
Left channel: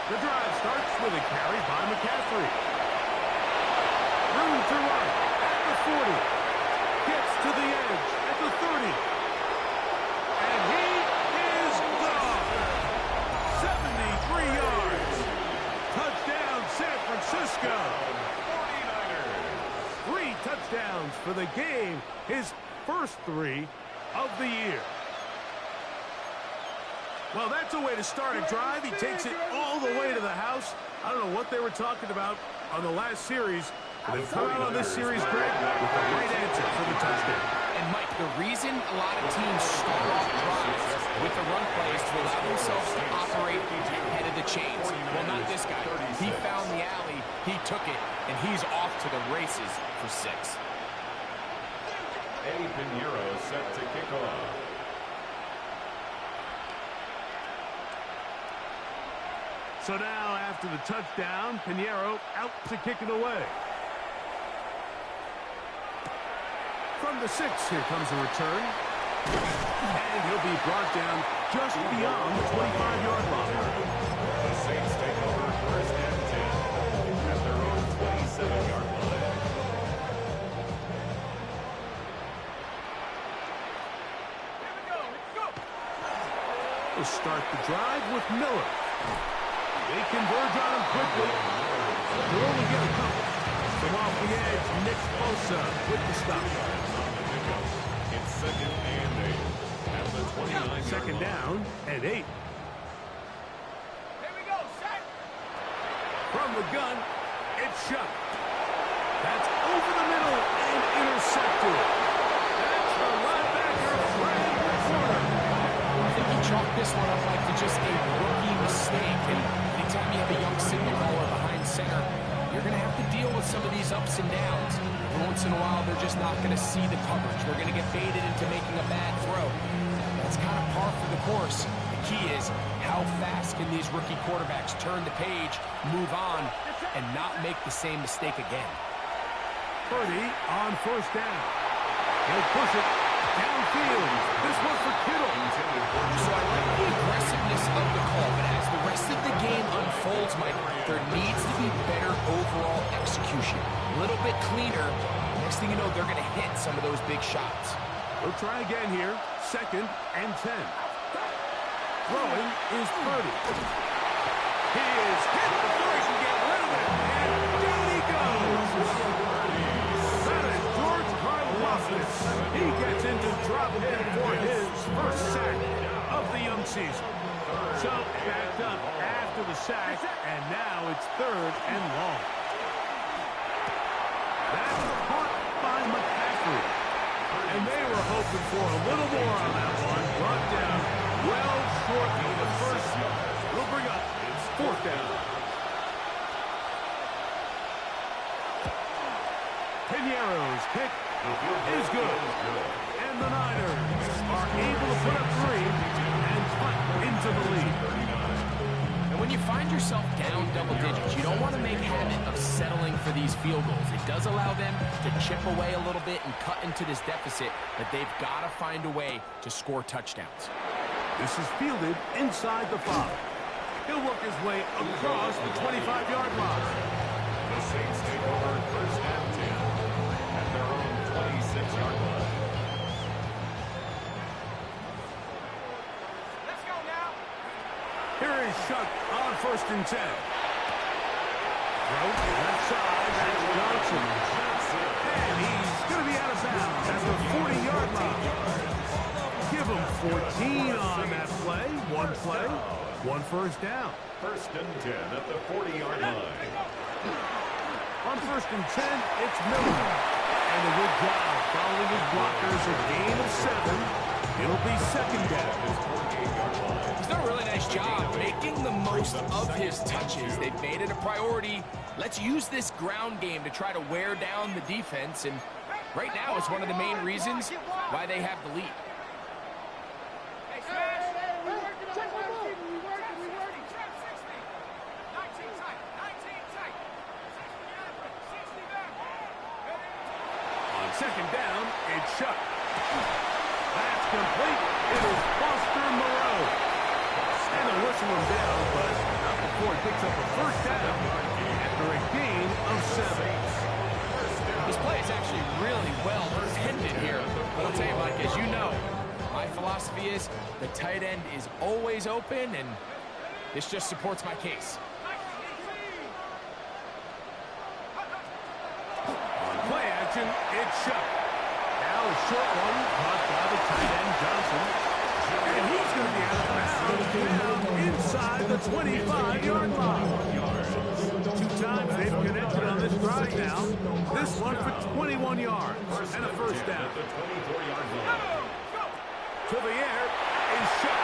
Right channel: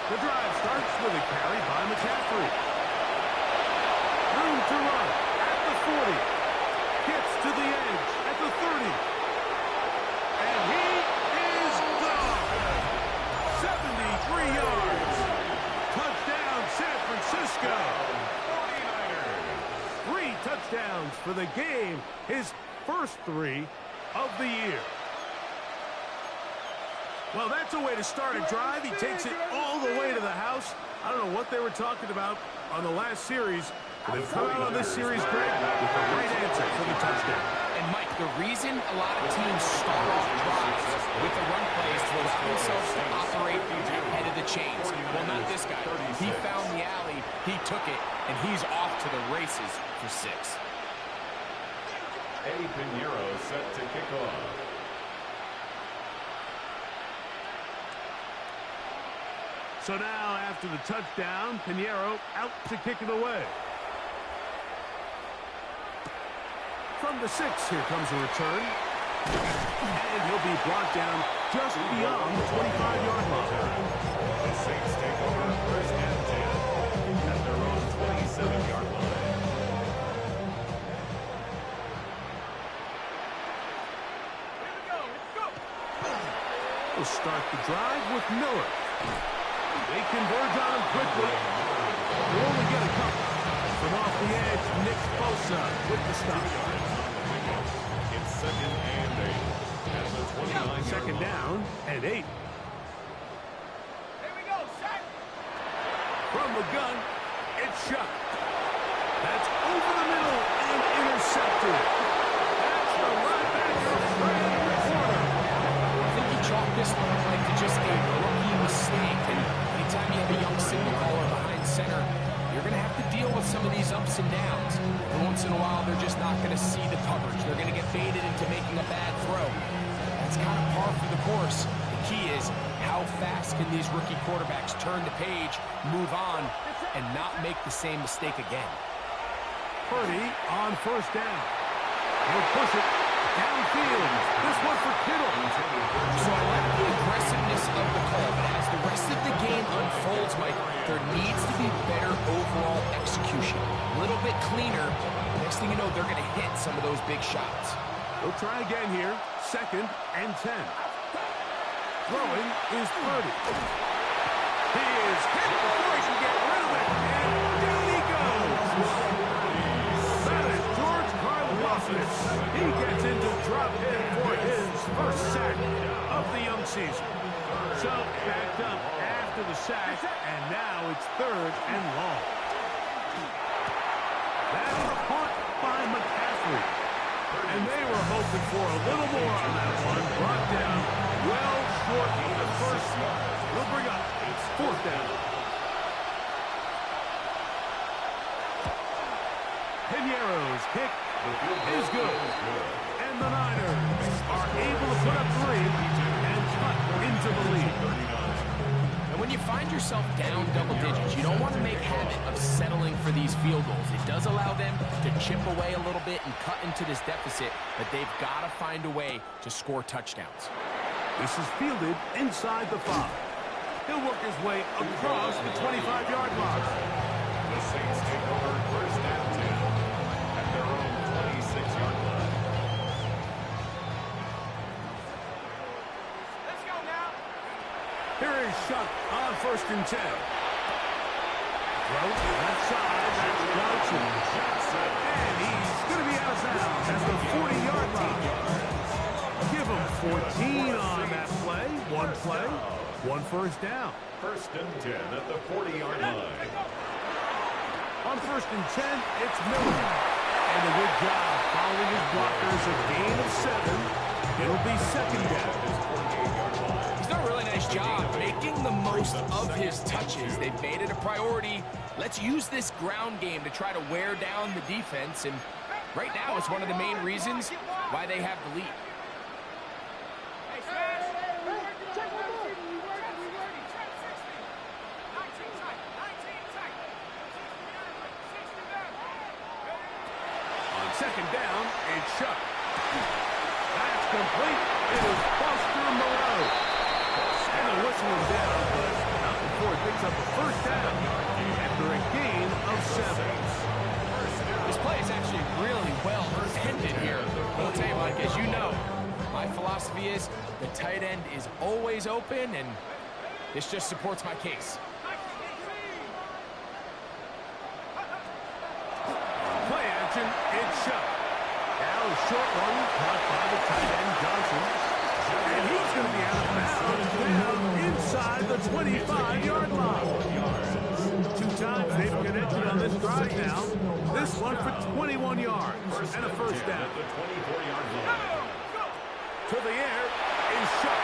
The drive starts with a carry by McCaffrey. Room to run at the 40. Gets to the edge at the 30. And he is gone. 73 yards. Touchdown, San Francisco. 49ers. 3 touchdowns for the game. His first 3 of the year. Well, that's a way to start a drive. He takes it all the way to the house. I don't know what they were talking about on the last series. But they've come out on this series, Greg, with the right answer for the touchdown. And, Mike, the reason a lot of teams start off drives with the run plays to allow themselves to operate ahead of the chains. Well, not this guy. He found the alley, he took it, and he's off to the races for 6. Eddie Pinheiro set to kick off. So now, after the touchdown, Pinheiro out to kick it away. From the 6, here comes a return. And he'll be brought down just beyond the 25-yard line. The Saints take over 1st and 10 at their own 27-yard line. Here we go. Let's go. We'll start the drive with Miller. They converge on him quickly. They'll only get a couple. From off the edge, Nick Bosa with the stop. 2 yards on the pickup. It's 2nd and 8 at the 29-yard line. 2nd down and 8. Here we go. Set. From the gun, it's Shuck. That's over the middle and intercepted. That's the linebacker, Fred Porter. chalk this one up like to just a rookie mistake. And anytime you have a young signal caller behind center, you're going to have to deal with some of these ups and downs. Every once in a while, they're just not going to see the coverage. They're going to get baited into making a bad throw. That's kind of par for the course. The key is, how fast can these rookie quarterbacks turn the page, move on, and not make the same mistake again? Purdy on first down. He'll push it downfield. This one for Kittle. So I like the aggressiveness of the call, but as the rest of the game unfolds, Mike, there needs to be better overall execution. A little bit cleaner. Next thing you know, they're going to hit some of those big shots. We'll try again here. 2nd and 10. Throwing is Purdy. He is hit before he can get rid of it. And down he goes. That is George Karlaftis. He gets into drop in for his first sack of the young season. So backed up after the sack, and now it's 3rd and long. That's caught by McCaffrey. And they were hoping for a little more on that one. Brought down well short of the first. We'll bring up 4th down. Piñeiro's kick is good. And the Niners are able to put up 3 and cut into the lead. And when you find yourself down double digits, you don't want to make habit of settling for these field goals. It does allow them to chip away a little bit and cut into this deficit, but they've got to find a way to score touchdowns. This is fielded inside the 5. He'll work his way across the 25-yard line. The Saints take over 1st and 10 at their own 26-yard line. Let's go now. Here is Shuck on 1st and 10. Throw left side. That's Johnson. And he's going to be out of bounds at the 40-yard line. Give him 14 on that play. One play, 1 first down. 1st and 10 at the 40-yard line. On 1st and 10, it's Miller. And a good job following his blockers. A gain of 7. It'll be 2nd down. He's done a really nice job making the most of his touches. They've made it a priority. Let's use this ground game to try to wear down the defense. And right now, it's one of the main reasons why they have the lead. On 2nd down, it's Shuck. That's complete. It is Foster Moreau. And they'll whistle him down, but not before he picks up a 1st down after a gain of 7. This play is actually really well intended here. But I'll tell you, Mike, as you know, my philosophy is the tight end is always open, and this just supports my case. Play action, it's Shuck. Now a short one caught by the tight end Johnson. And he's going to be out of bounds down inside the 25-yard line. 2 times they've connected on this drive now. This one for 21 yards and a 1st down. To the air is Shuck.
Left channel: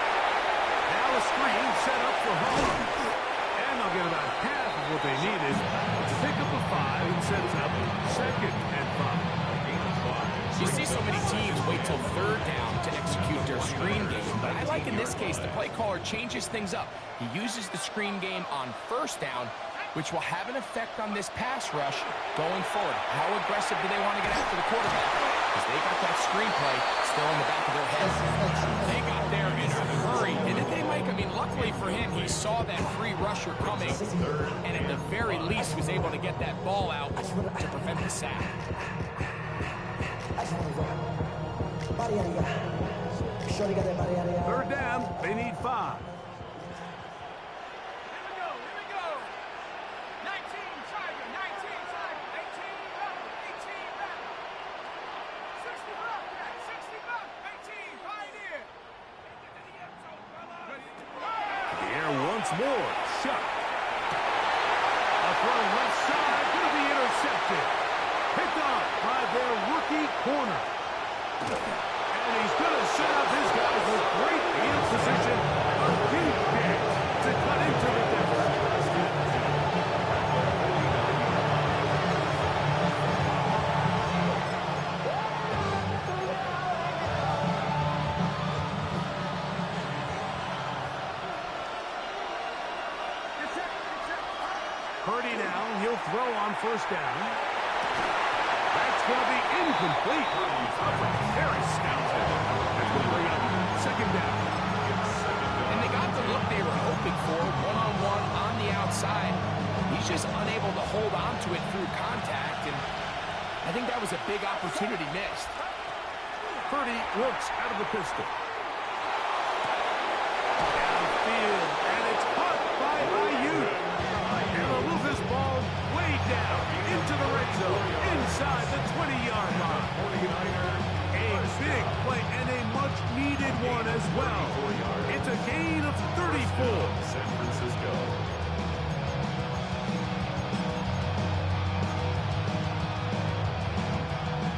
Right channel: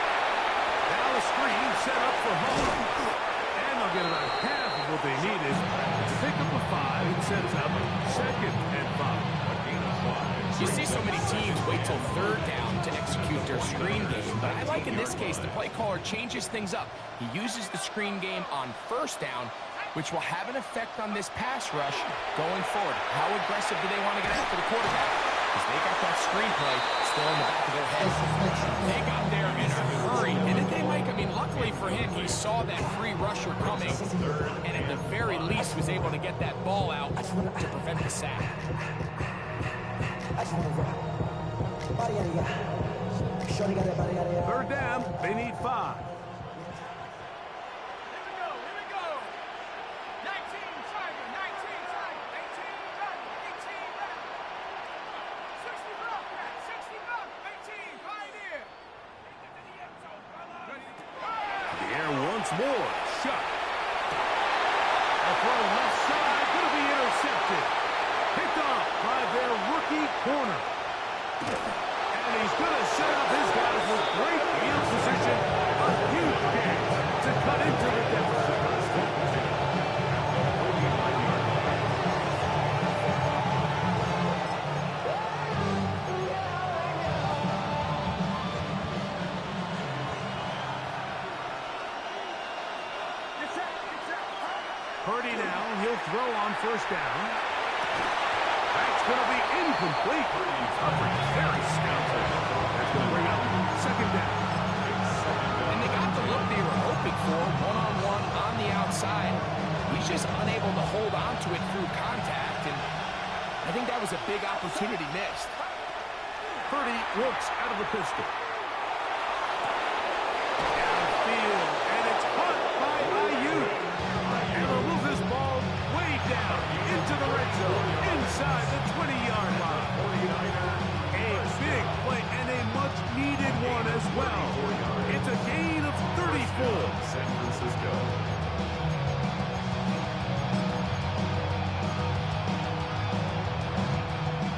Now a screen set up for home. And they'll get about half of what they needed to pick up a 5 and sets up 2nd and 5. You see so many teams wait till 3rd down to execute their screen game, but I like in this case the play caller changes things up. He uses the screen game on 1st down, which will have an effect on this pass rush going forward. How aggressive do they want to get after the quarterback? Because they got that screenplay still in the back of their head. They got there in a hurry, didn't they, Mike? I mean, luckily for him, he saw that free rusher coming, and at the very least was able to get that ball out to prevent the sack. I just want to rap. 3rd down, they need 5. Once more, Shuck. A throw left side, going to be intercepted. Picked off by their rookie corner. And he's going to set up his guys with great field position. A huge dance to cut into the deficit. Purdy now, he'll throw on first down. That's going to be incomplete. Very scouted. That's going to bring up second down. And they got the look they were hoping for, one-on-one on the outside. He's just unable to hold on to it through contact, and I think that was a big opportunity missed. Purdy works out of the pistol. Downfield, and it's caught by Ayuk. And they'll move this ball way down into the red zone, inside the 20-yard line. A big play and a much-needed one as well. It's a gain of 34. San Francisco.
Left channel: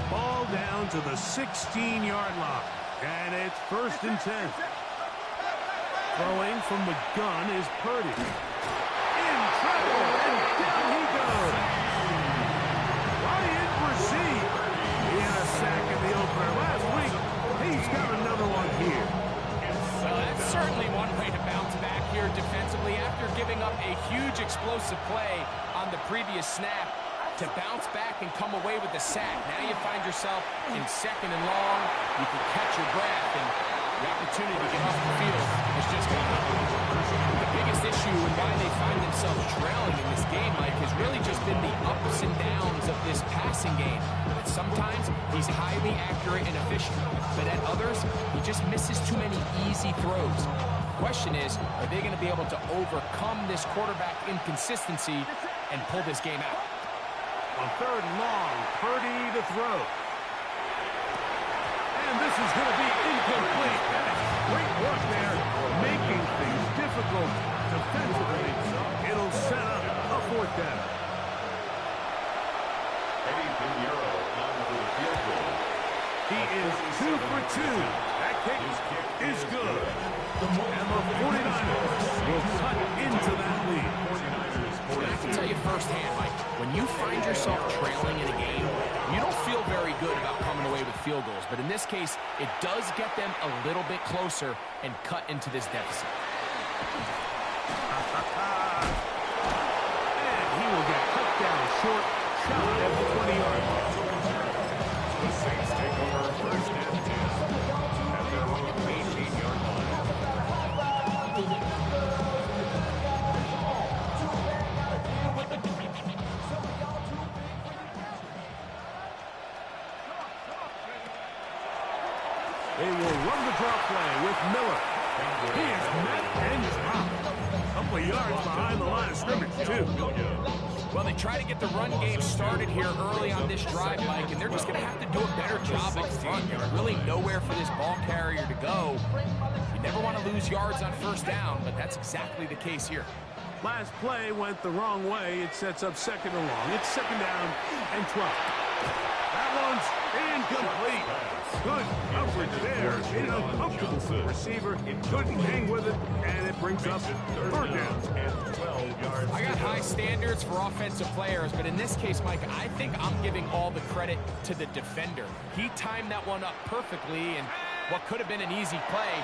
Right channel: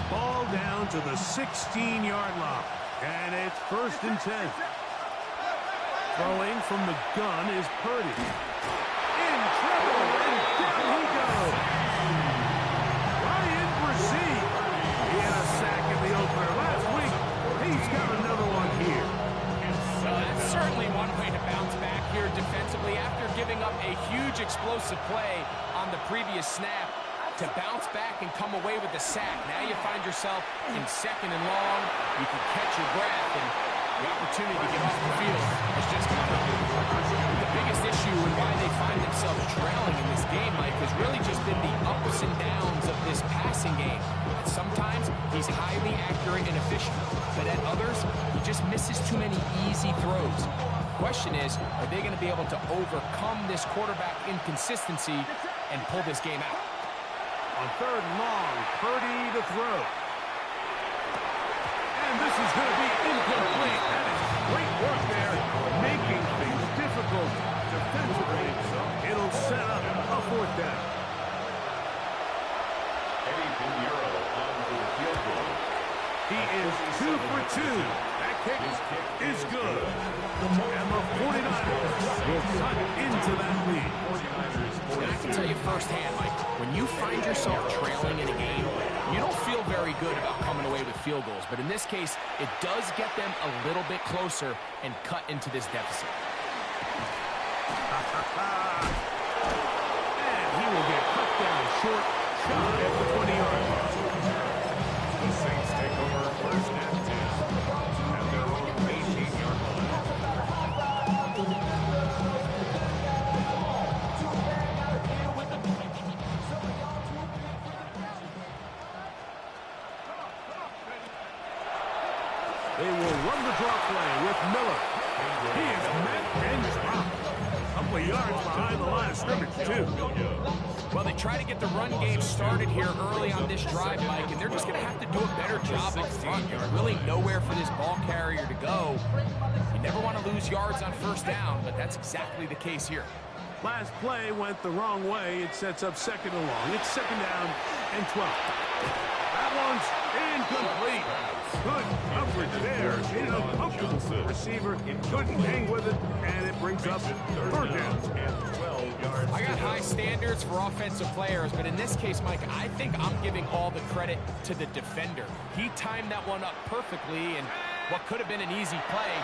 Ball down to the 16-yard line, and it's 1st and 10. Throwing from the gun is Purdy. In trouble, and down he goes. Ryan Brzee. He had a sack in the opener last week. He's got another one here. Well, that's certainly one way to bounce back here defensively after giving up a huge explosive play on the previous snap. To bounce back and come away with the sack. Now you find yourself in 2nd and long. You can catch your breath, and the opportunity to get off the field has just gone up. The biggest issue and why they find themselves trailing in this game, Mike, has really just been the ups and downs of this passing game. At sometimes, he's highly accurate and efficient, but at others, he just misses too many easy throws. The question is, are they going to be able to overcome this quarterback inconsistency and pull this game out? On 3rd and long, Purdy to throw. And this is going to be incomplete. That is great work there, making things difficult defensively. It'll set up a 4th down. Eddie Pinheiro on for the field goal. He is 2 for 2. That kick is good. And the 49ers will cut into that lead. And I can tell you firsthand, Mike, when you find yourself trailing in a game, you don't feel very good about coming away with field goals. But in this case, it does get them a little bit closer and cut into this deficit. And he will get cut down short, shy of the 20-yard line. The Saints take over 1st and 10 at their own 18-yard line. They will run the draw play with Miller. He is met and dropped. A couple of yards behind the line of scrimmage, too. Well, they try to get the run game started here early on this drive, Mike, and they're just going to have to do a better job up front. There's really nowhere for this ball carrier to go. You never want to lose yards on 1st down, but that's exactly the case here. Last play went the wrong way. It sets up 2nd and long. It's 2nd down and 12. That one's incomplete. Good coverage there. Made it uncomfortable for the receiver. Couldn't hang with it, and it brings up 3rd down. I got high standards for offensive players, but in this case, Mike, I think I'm giving all the credit to the defender. He timed that one up perfectly, and what could have been an easy play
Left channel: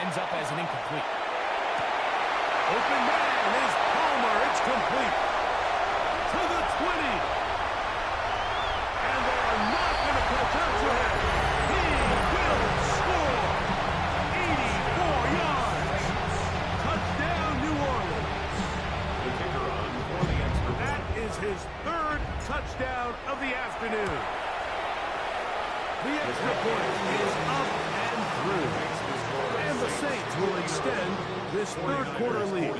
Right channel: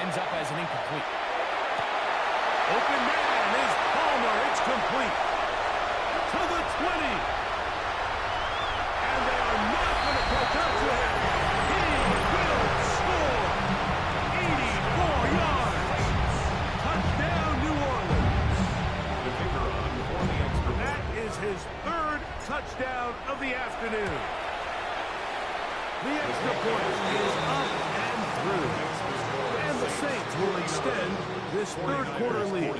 ends up as an incomplete. Open man is Palmer. It's complete. To the 20. And they are not going to catch up to him. He will score. 84 yards. Touchdown, New Orleans. The kicker on for the extra point. That is his 3rd touchdown of the afternoon. The extra point is up and through. And the Saints will extend this 3rd quarter lead.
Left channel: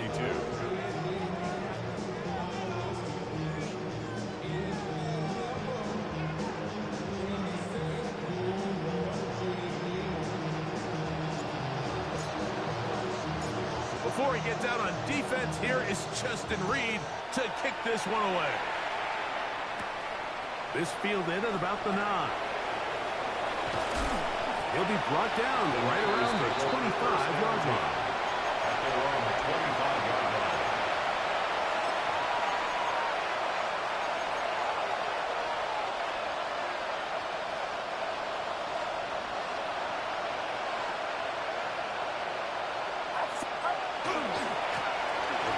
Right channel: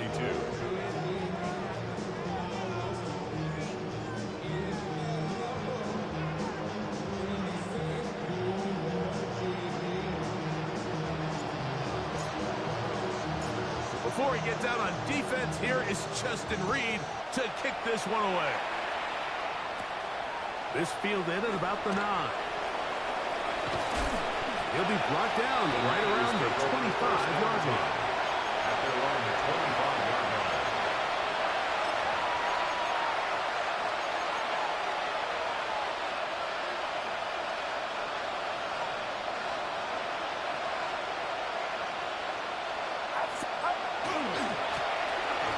Before he gets out on defense, here is Justin Reed to kick this one away. This fielded at about the 9. He'll be brought down right around the 25-yard line. At their own 25-yard line.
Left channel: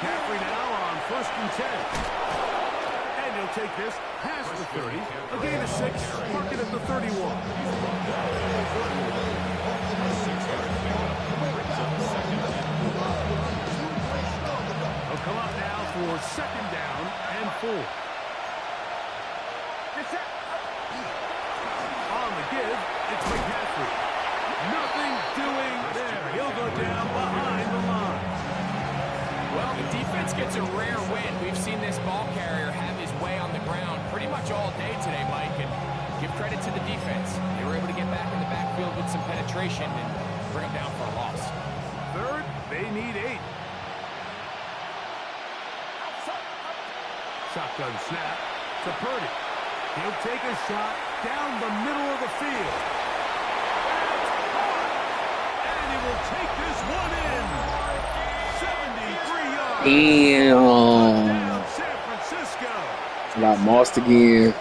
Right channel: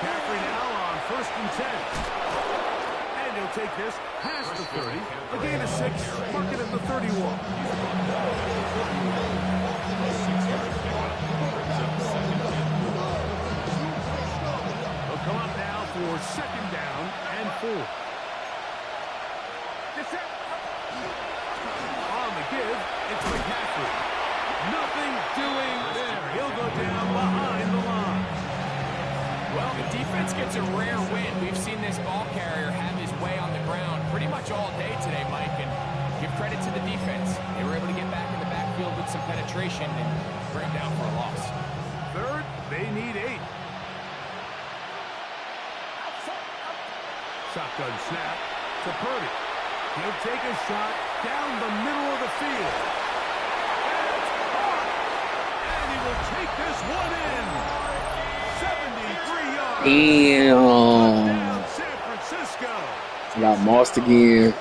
McCaffrey now on 1st and 10. And he'll take this past the 30. A gain of 6. Mark it at the 31. A 6-yard pickup brings up 2nd and 4. He'll come up now for 2nd down and 4. On the give, it's McCaffrey. Nothing doing there. He'll go down behind the line. Well, the defense gets a rare win. We've seen this ball carrier have his way on the ground pretty much all day today, Mike, and give credit to the defense. They were able to get back in the backfield with some penetration and bring them down for a loss. 3rd, they need 8. Shotgun snap to Purdy. He'll take a shot down the middle of the field. That's hot! And he will take this one in. 73 yards. Damn. Touchdown, San Francisco. Got mossed again.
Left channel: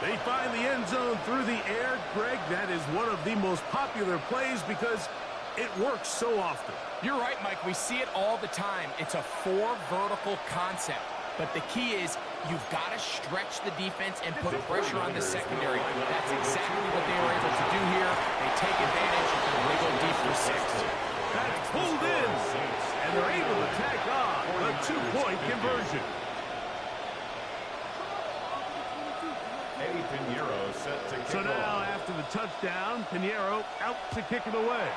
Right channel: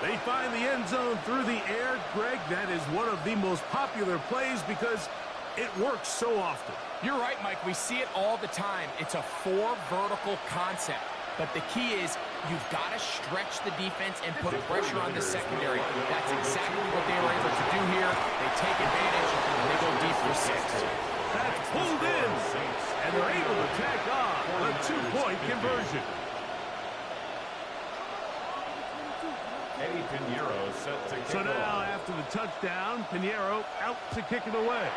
They find the end zone through the air. Greg, that is one of the most popular plays because it works so often. You're right, Mike. We see it all the time. It's a 4 vertical concept. But the key is you've got to stretch the defense and put pressure on the secondary. That's exactly what they were able to do here. They take advantage, and they go deep for 6. That's pulled in, and they're able to tack on the 2-point conversion. Eddie Pinheiro set to kick So now, off. after the touchdown, Pinheiro out to kick it away.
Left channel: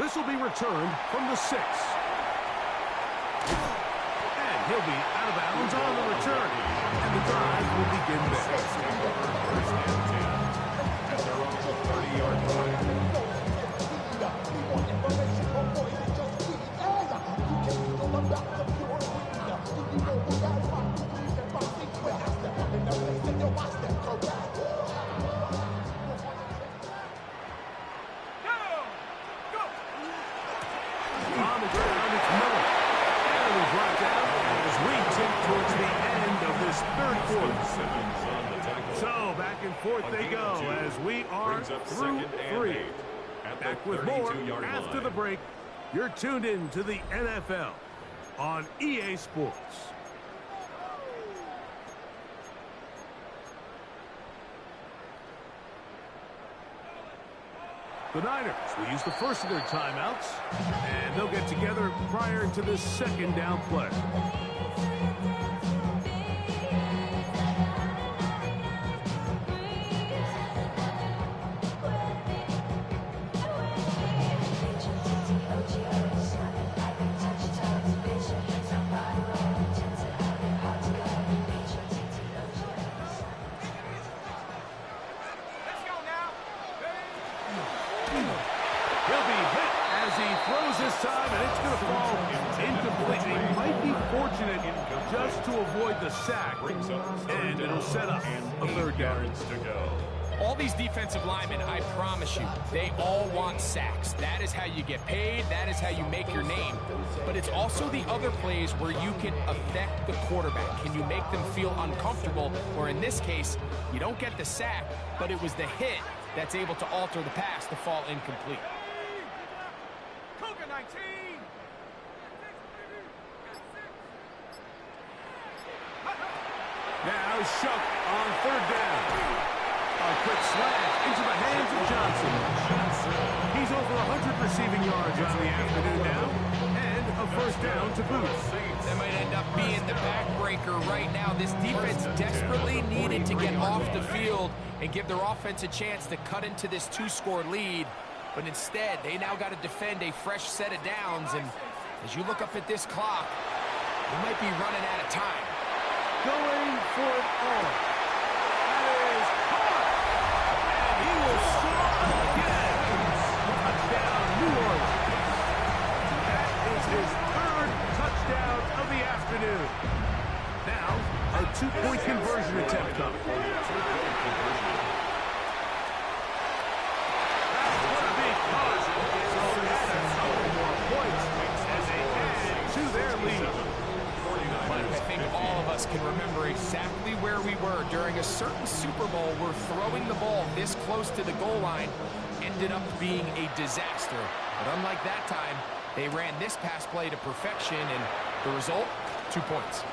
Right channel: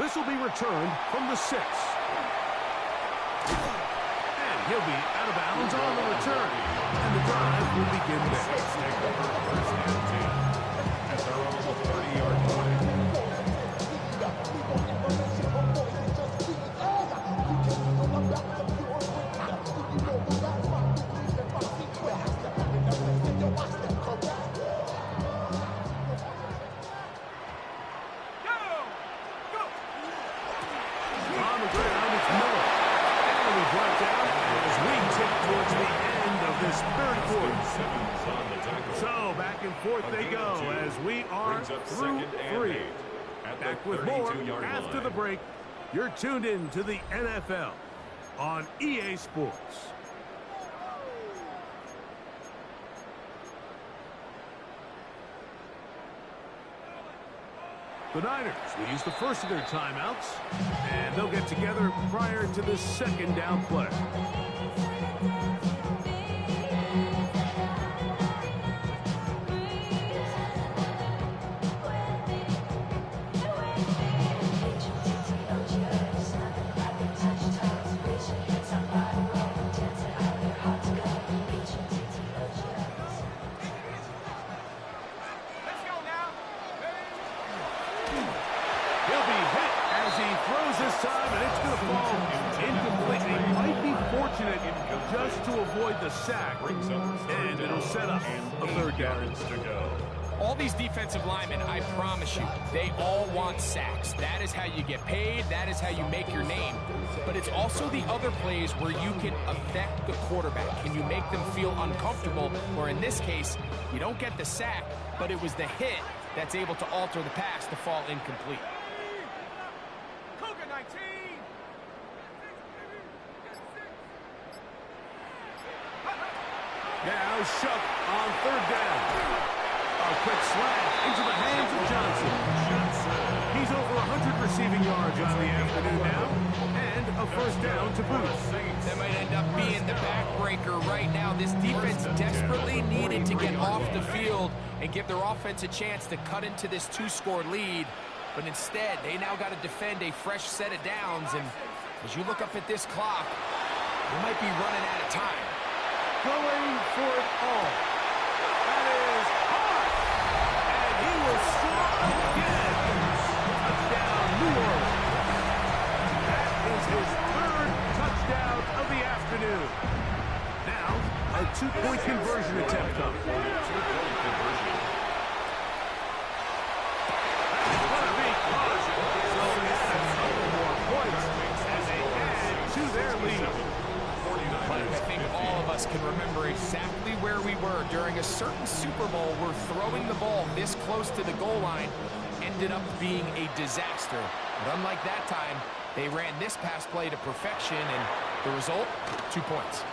This will be returned from the 6. And he'll be out of bounds on the return. And the drive will begin there. Take over 1st and 10. At their own 30-yard line. On the ground, it's Miller. And he'll be brought down as we tick towards the end of this 3rd quarter. Simmons on the tackle. So back and forth they go as we are Brings up through 2nd and 3. 8. At Back the with more 32-yard after line. the break. You're tuned in to the NFL on EA Sports. The Niners will use the first of their timeouts, and they'll get together prior to this 2nd down play. He'll be hit as he throws this time, and it's going to fall incomplete. He might be fortunate just to avoid the sack, and it'll set up a 3rd down. To go. All these defensive linemen, I promise you, they all want sacks. That is how you get paid. That is how you make your name. But it's also the other plays where you can affect the quarterback. Can you make them feel uncomfortable? Or in this case, you don't get the sack, but it was the hit that's able to alter the pass to fall incomplete. Cougar 19. Now Shook on 3rd down. A quick slant into the hands of Johnson. He's over 100 receiving yards on the afternoon now, and a 1st down to boot. That might end up being the backbreaker right now. This defense desperately needed to get off the field and give their offense a chance to cut into this 2-score lead. But instead, they now got to defend a fresh set of downs. And as you look up at this clock, they might be running out of time. Going for it all. That is hard. And he will score again. Touchdown, New Orleans. That is his 3rd touchdown of the afternoon. Now, a two-point conversion attempt coming. Two-point conversion. That's going to be caught. So add a couple more points as they add to their lead. Mike, I think all of us can remember exactly where we were during a certain Super Bowl where throwing the ball this close to the goal line ended up being a disaster. But unlike that time, they ran this pass play to perfection, and the result, 2 points.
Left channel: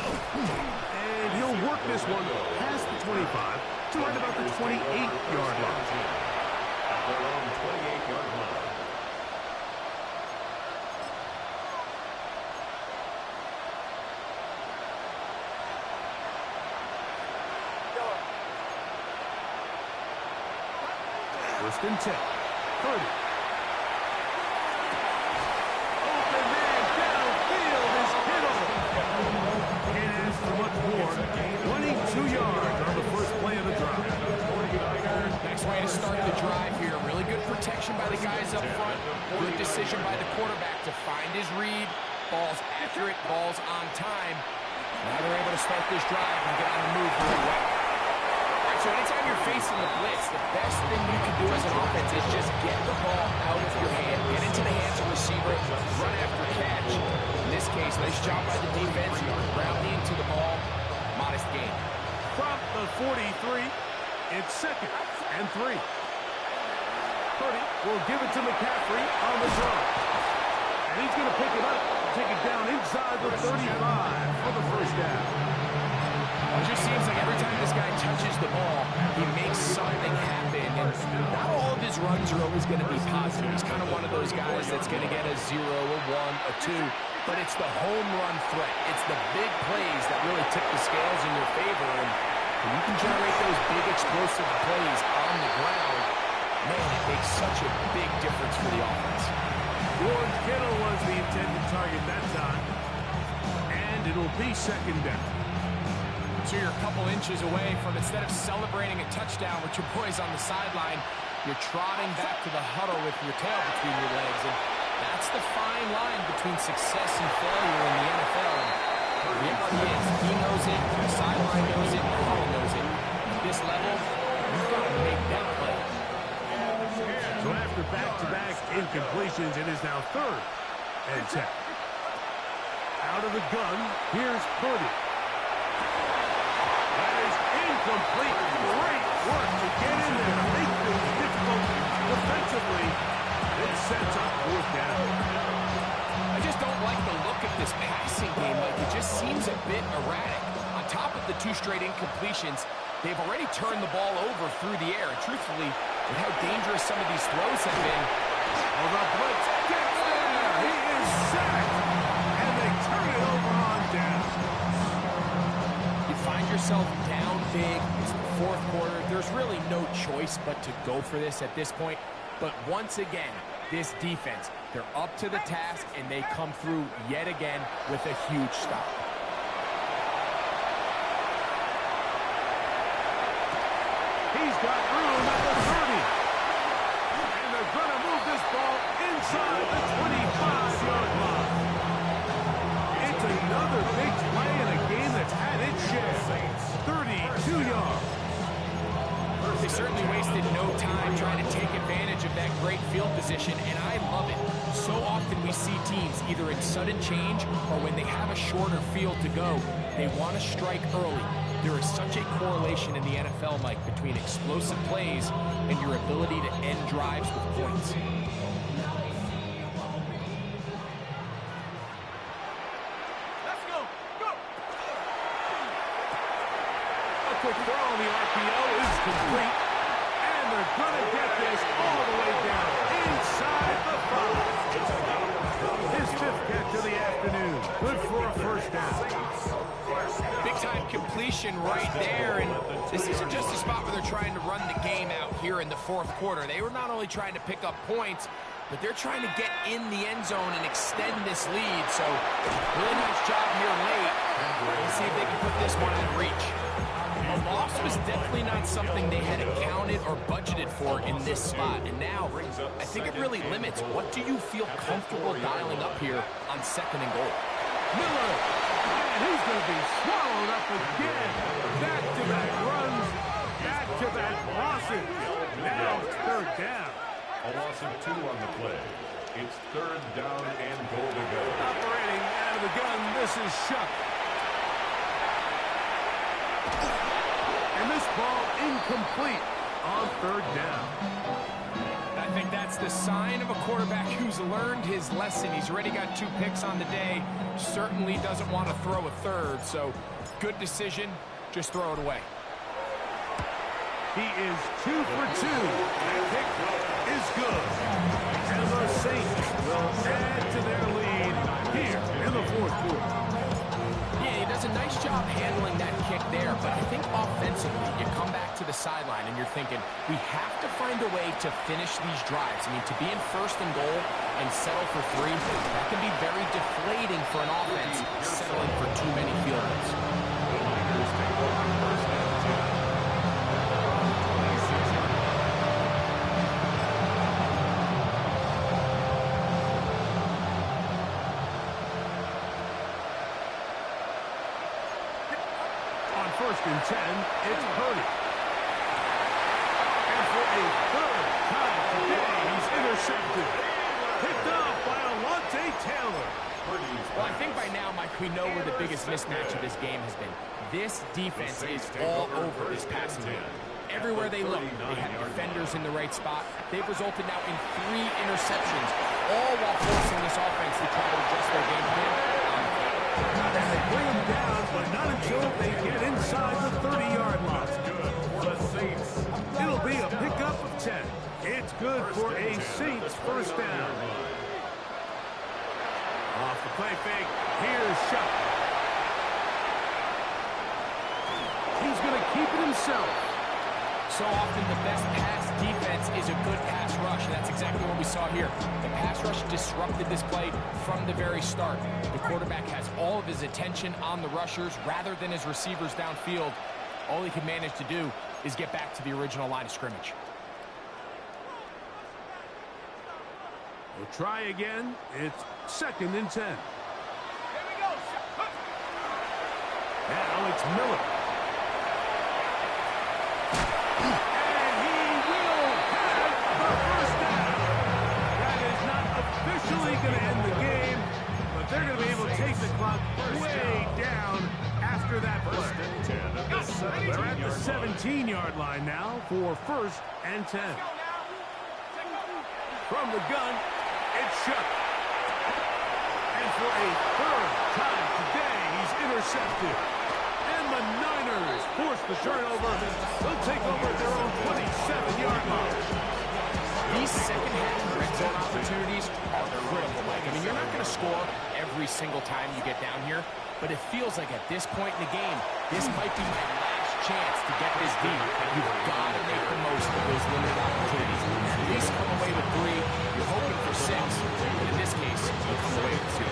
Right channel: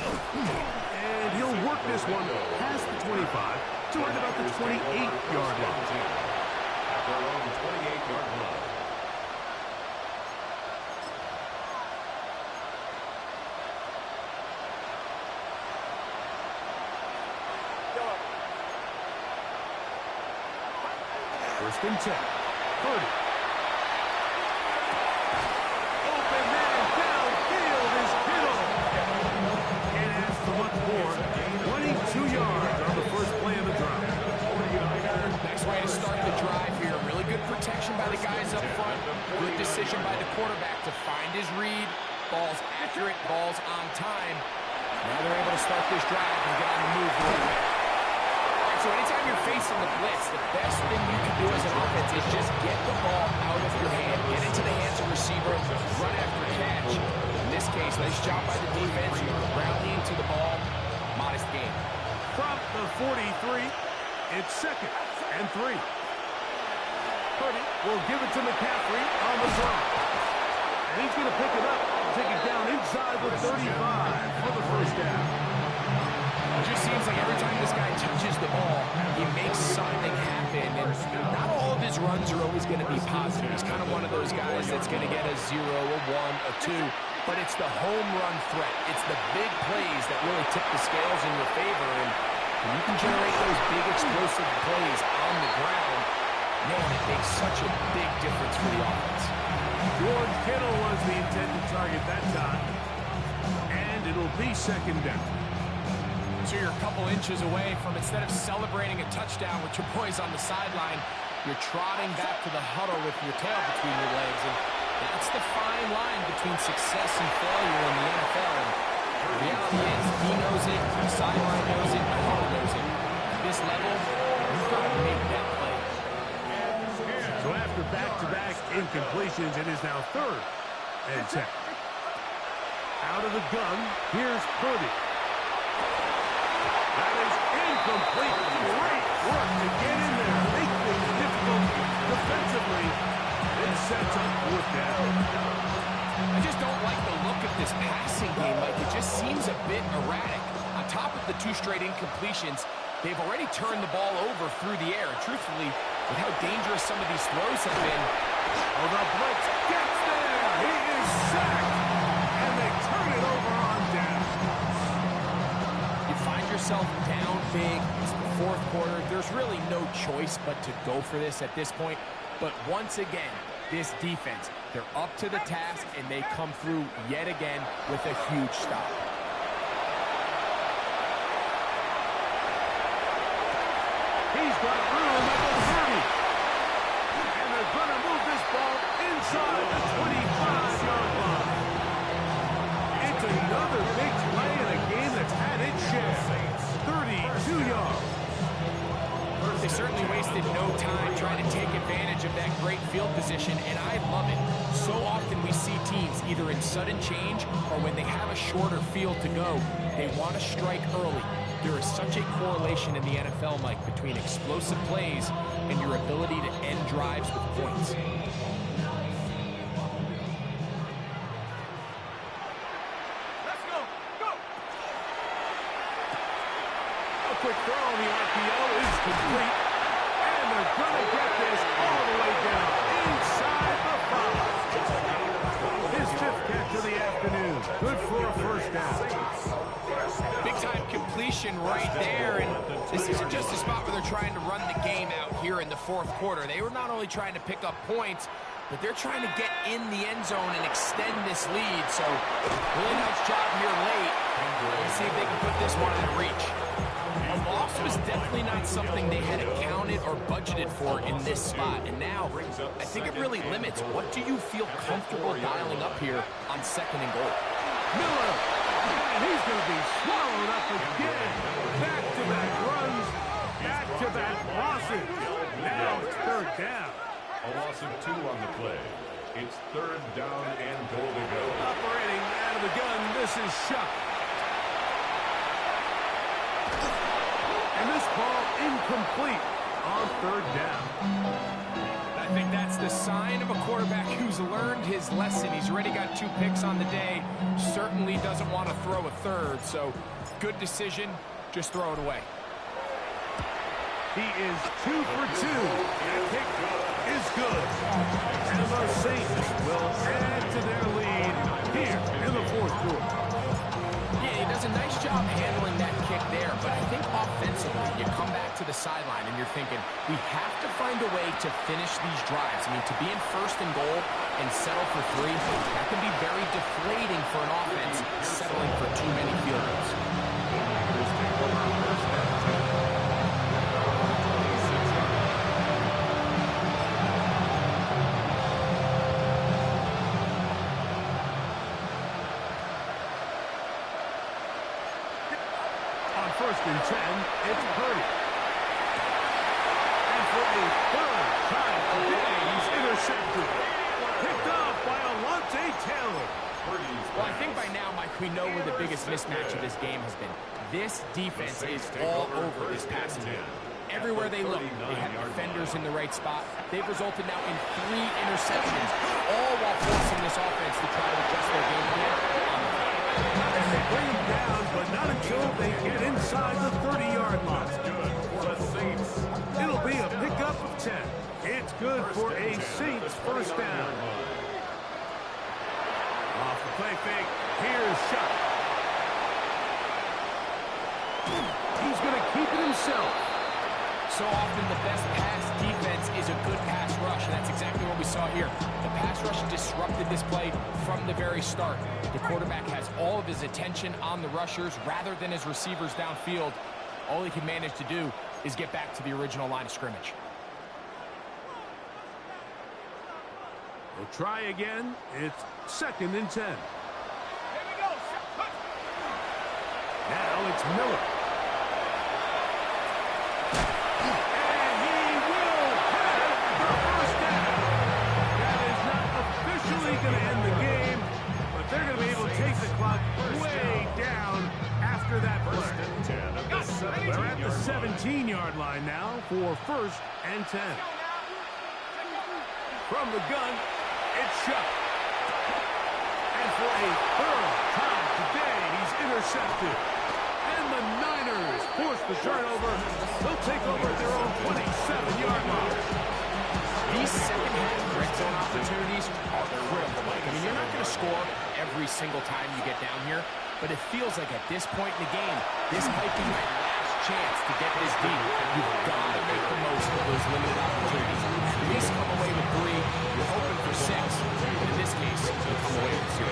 And he'll work this one past the 25 to right about the 28-yard line. At their own 28-yard line. First and 10. Purdy. Open man downfield is Kittle. Can't ask for much more. 22 yards on the first play of the drive. Next way to start the drive here. Really good protection by the guys up front. Good decision by the quarterback to find his read. Ball's accurate, ball's on time. Now they're able to start this drive and get on the move right away. So anytime you're facing the blitz, the best thing you can do as an offense is just get the ball out of your hand, get into the hands of the receiver, run after catch. In this case, nice job by the defense, grounding into the ball, modest gain. From the 43, it's 2nd and 3. Purdy will give it to McCaffrey on the throw. And he's going to pick it up, take it down inside the 35 for the first down. It just seems like every time this guy touches the ball, he makes something happen. And not all of his runs are always going to be positive. He's kind of one of those guys that's going to get a 0, a 1, a 2. But it's the home run threat. It's the big plays that really tip the scales in your favor. And when you can generate those big explosive plays on the ground, man, it makes such a big difference for the offense. George Kittle was the intended target that time. And it'll be 2nd down. So you're a couple inches away from, instead of celebrating a touchdown with your boys on the sideline, you're trotting back to the huddle with your tail between your legs. And that's the fine line between success and failure in the NFL. And the reality is, he knows it, the sideline knows it, the huddle knows it. At this level, you've got to make that play. So after back-to-back incompletions, it is now 3rd and 10. Out of the gun, here's Purdy. That is incomplete. Great work to get in there, make things difficult defensively. It sets up 4th down. I just don't like the look of this passing game, Mike. It just seems a bit erratic. On top of the 2 straight incompletions, they've already turned the ball over through the air. And truthfully, with how dangerous some of these throws have been. Oh, the blitz gets there. He is sacked. And they turn it over on down. You find yourself down big. It's the 4th quarter. There's really no choice but to go for this at this point. But once again, this defense, they're up to the task, and they come through yet again with a huge stop. He's got room at the 30. And they're going to move this ball inside the 25-yard line. It's another big play in a game that's had its share. 32 yards. They certainly wasted no time trying to take advantage of that great field position, and I love it. So often we see teams either in sudden change or when they have a shorter field to go, they want to strike early. There is such a correlation in the NFL, Mike, between explosive plays and your ability to end drives with points. Let's go. Go. A quick throw on the RPO is complete. And they're going to get this all the way down inside the 5. His 5th catch of the afternoon. Good for a first down. Big-time completion right there, and this isn't just a spot where they're trying to run the game out here in the 4th quarter. They were not only trying to pick up points, but they're trying to get in the end zone and extend this lead. So, really nice job here late. Let's see if they can put this one out of reach. A loss was definitely not something they had accounted or budgeted for in this spot. And now, I think it really limits what do you feel comfortable dialing up here on 2nd and goal. Miller And he's going to be swallowed up again. Back-to-back runs, back-to-back losses. Now it's third down. A loss of 2 on the play. It's third down and goal to go. Operating out of the gun, this is Shuck. And this ball incomplete on third down. I think that's the sign of a quarterback who's learned his lesson. He's already got 2 picks on the day. Certainly doesn't want to throw a third. So good decision. Just throw it away. He is 2 for 2. That pick is good. And the Saints will add to their lead here in the fourth quarter. Yeah, he does a nice job handling that kick there, but I think offensively, you come back to the sideline and you're thinking, we have to find a way to finish these drives. I mean, to be in first and goal and settle for 3, that can be very deflating for an offense settling for too many field goals. The Niners take over first and 10. First and 10, it's Purdy. And for a third time today, he's intercepted. Picked off by Alontae Taylor. Well, I think by now, Mike, we know where the biggest mismatch of this game has been. This defense is all over this passing game. Everywhere they look, they have defenders in the right spot. They've resulted now in 3 interceptions, all while forcing this offense to try to adjust their game plan on the field. And they bring him down, but not until they get inside the 30-yard line. Good for the Saints. It'll be a pickup of 10. It's good for a Saints first down. Off the play fake, here's Shuck. He's going to keep it himself. So often the best pass defense is a good pass rush, and that's exactly what we saw here. The pass rush disrupted this play from the very start. The quarterback has all of his attention on the rushers rather than his receivers downfield. All he can manage to do is get back to the original line of scrimmage. We'll try again. It's second and 10. Now it's Miller. And he will have the first down. That is not officially going to end the game, but they're going to be able to take the clock way down after that play. They're at the 17-yard line now for first and 10. From the gun, it's Shuck. And for a third time today, he's intercepted. And the Niners force the turnover. They'll take over at their own 27-yard line. These second-half red zone opportunities are critical, Mike. I mean, you're not going to score every single time you get down here, but it feels like at this point in the game, this might be my last chance to get this deep. You've got to make the most of those limited opportunities. At least come away with 3. You're hoping for 6, but in this case, you come away with 0.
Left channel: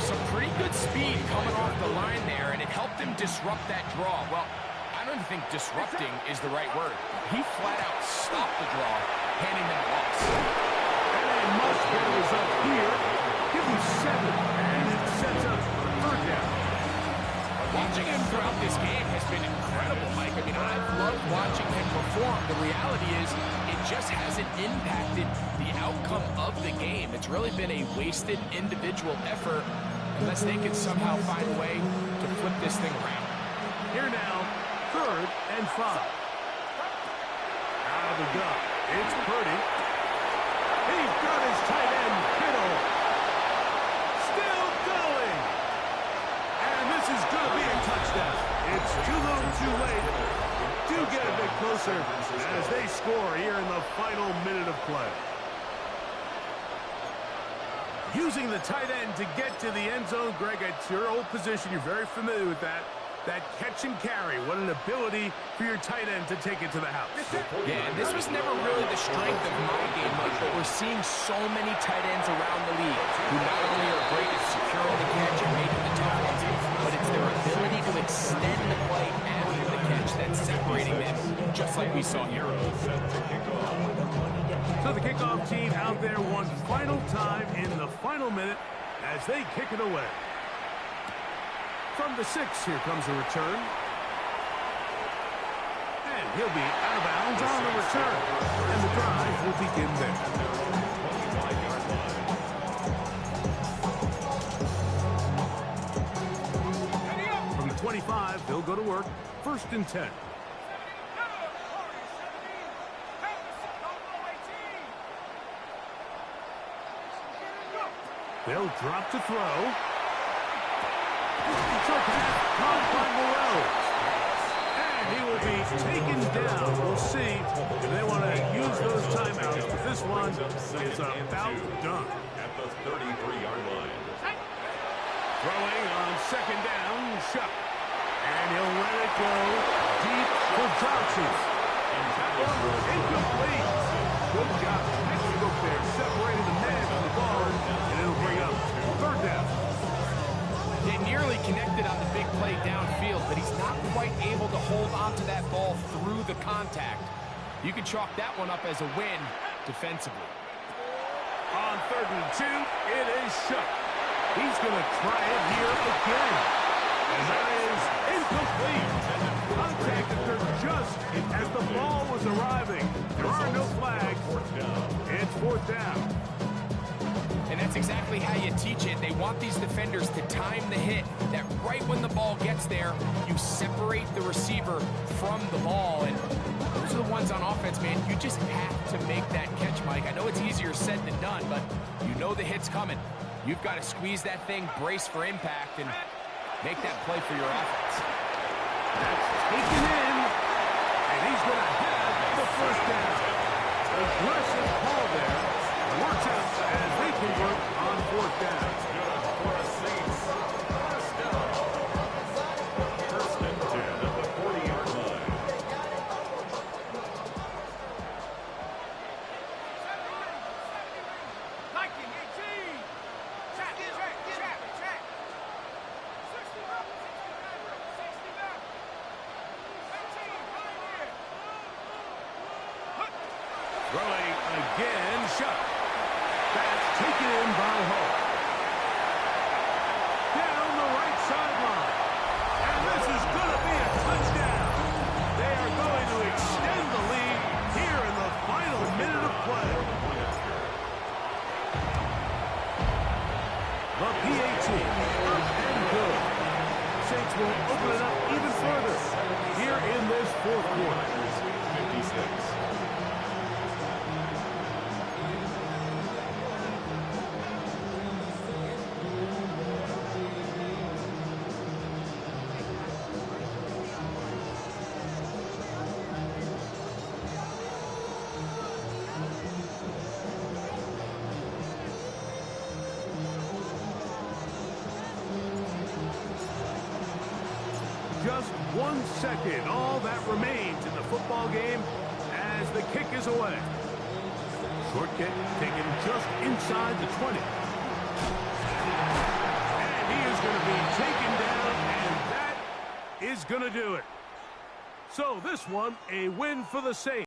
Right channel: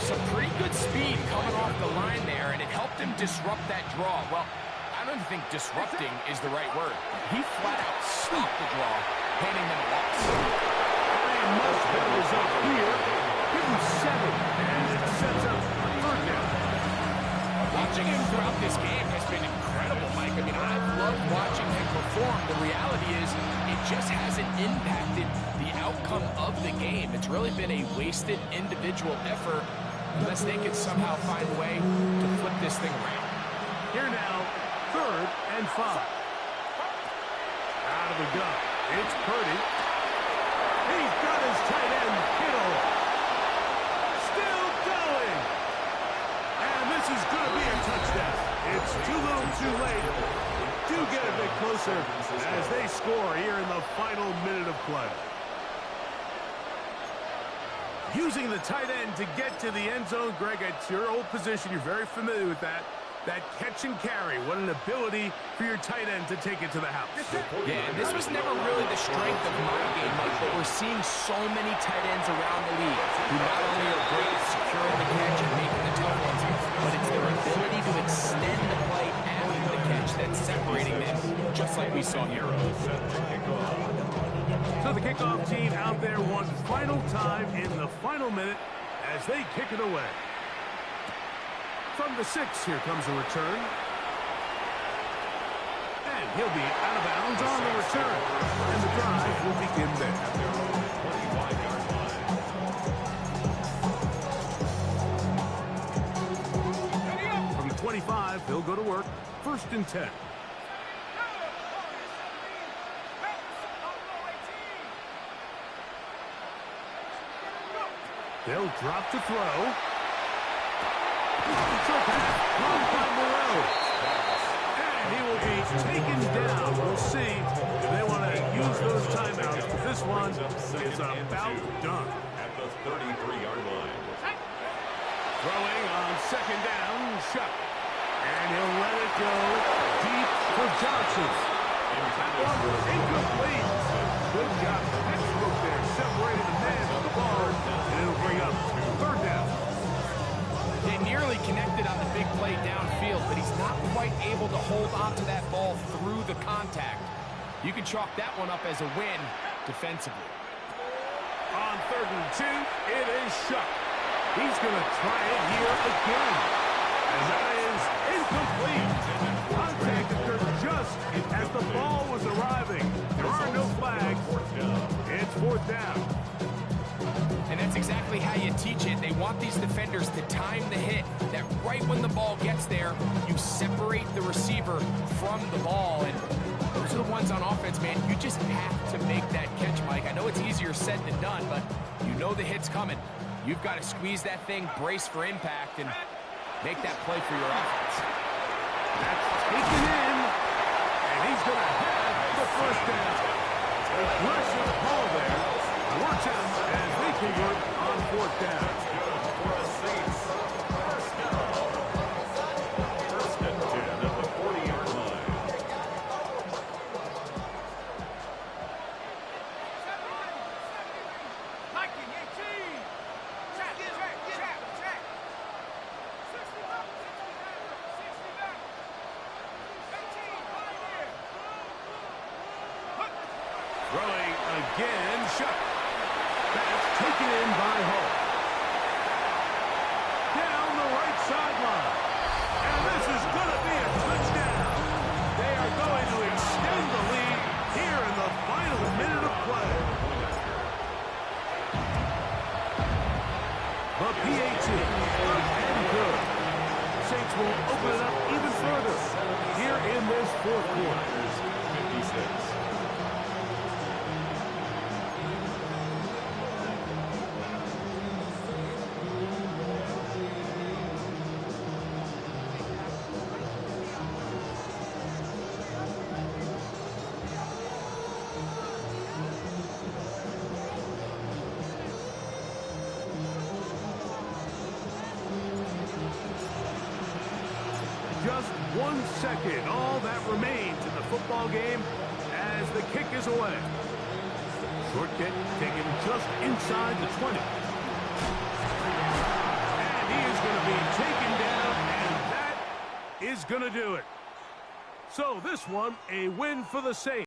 Some pretty good speed coming off the line there, and it helped him disrupt that draw. Well, I don't think disrupting is the right word. He flat out stopped the draw, handing them a loss. And a much-better result here. Give him 7, and it sets up for third down. Watching him throughout this game has been incredible, Mike. I mean, I've loved watching him perform. The reality is it just hasn't impacted the outcome of the game. It's really been a wasted individual effort unless they can somehow find a way to flip this thing around. Here now, third and 5. Out of the gun, it's Purdy. He's got his tight end, Kittle. Still going. And this is going to be a touchdown. It's too little too late. They do get a bit closer as they score here in the final minute of play. Using the tight end to get to the end zone, Greg, it's your old position. You're very familiar with that. That catch and carry, what an ability for your tight end to take it to the house. Yeah, and this was never really the strength of my game, Mike, but we're seeing so many tight ends around the league who not only are great at securing the catch and making the tough ones, but it's their ability to extend the play after the catch that's separating them, just like we saw here. So the kickoff team out there one final time in the final minute as they kick it away. From the 6, here comes a return. And he'll be out of bounds on the return. And the drive will begin there. At their own 25-yard line. From the 25, they'll go to work. 1st and 10. They'll drop to throw. Short pass, caught by Morel. And he will be taken down. We'll see if they want to use those timeouts. But this one is about done. At the 33-yard line. Throwing on 2nd down, Shuck. And he'll let it go deep for Johnson. That one was incomplete. Good job. Textbook there, separating the man from the ball. And it'll bring up 3rd down. They nearly connected on the big play downfield, but he's not quite able to hold on to that ball through the contact. You can chalk that one up as a win defensively. On 3rd and 2, it is Shuck. He's going to try it here again. And that is incomplete. Contact occurred just as the ball was arriving. There are no flags. It's 4th down. And that's exactly how you teach it. They want these defenders to time the hit, that right when the ball gets there, you separate the receiver from the ball. And those are the ones on offense, man. You just have to make that catch, Mike. I know it's easier said than done, but you know the hit's coming. You've got to squeeze that thing, brace for impact, and make that play for your offense. That's taken in, and he's going to have the 1st down. Aggressive call there. Works out as they convert on 4th down. Good for a Saints. 1st down. 1st and 10 at the 40-yard line. Throwing again, Shuck. That's taken in by Hull. Down the right sideline. And this is going to be a touchdown. They are going to extend the lead here in the final minute of play. The PAT, up and good. Saints will open it up even further here in this 4th quarter. 56. Just 1 second, all that remains in the football game as the kick is away. Short kick taken just inside the 20. And he is going to be taken down, and that is going to do it. So this one, a win for the Saints.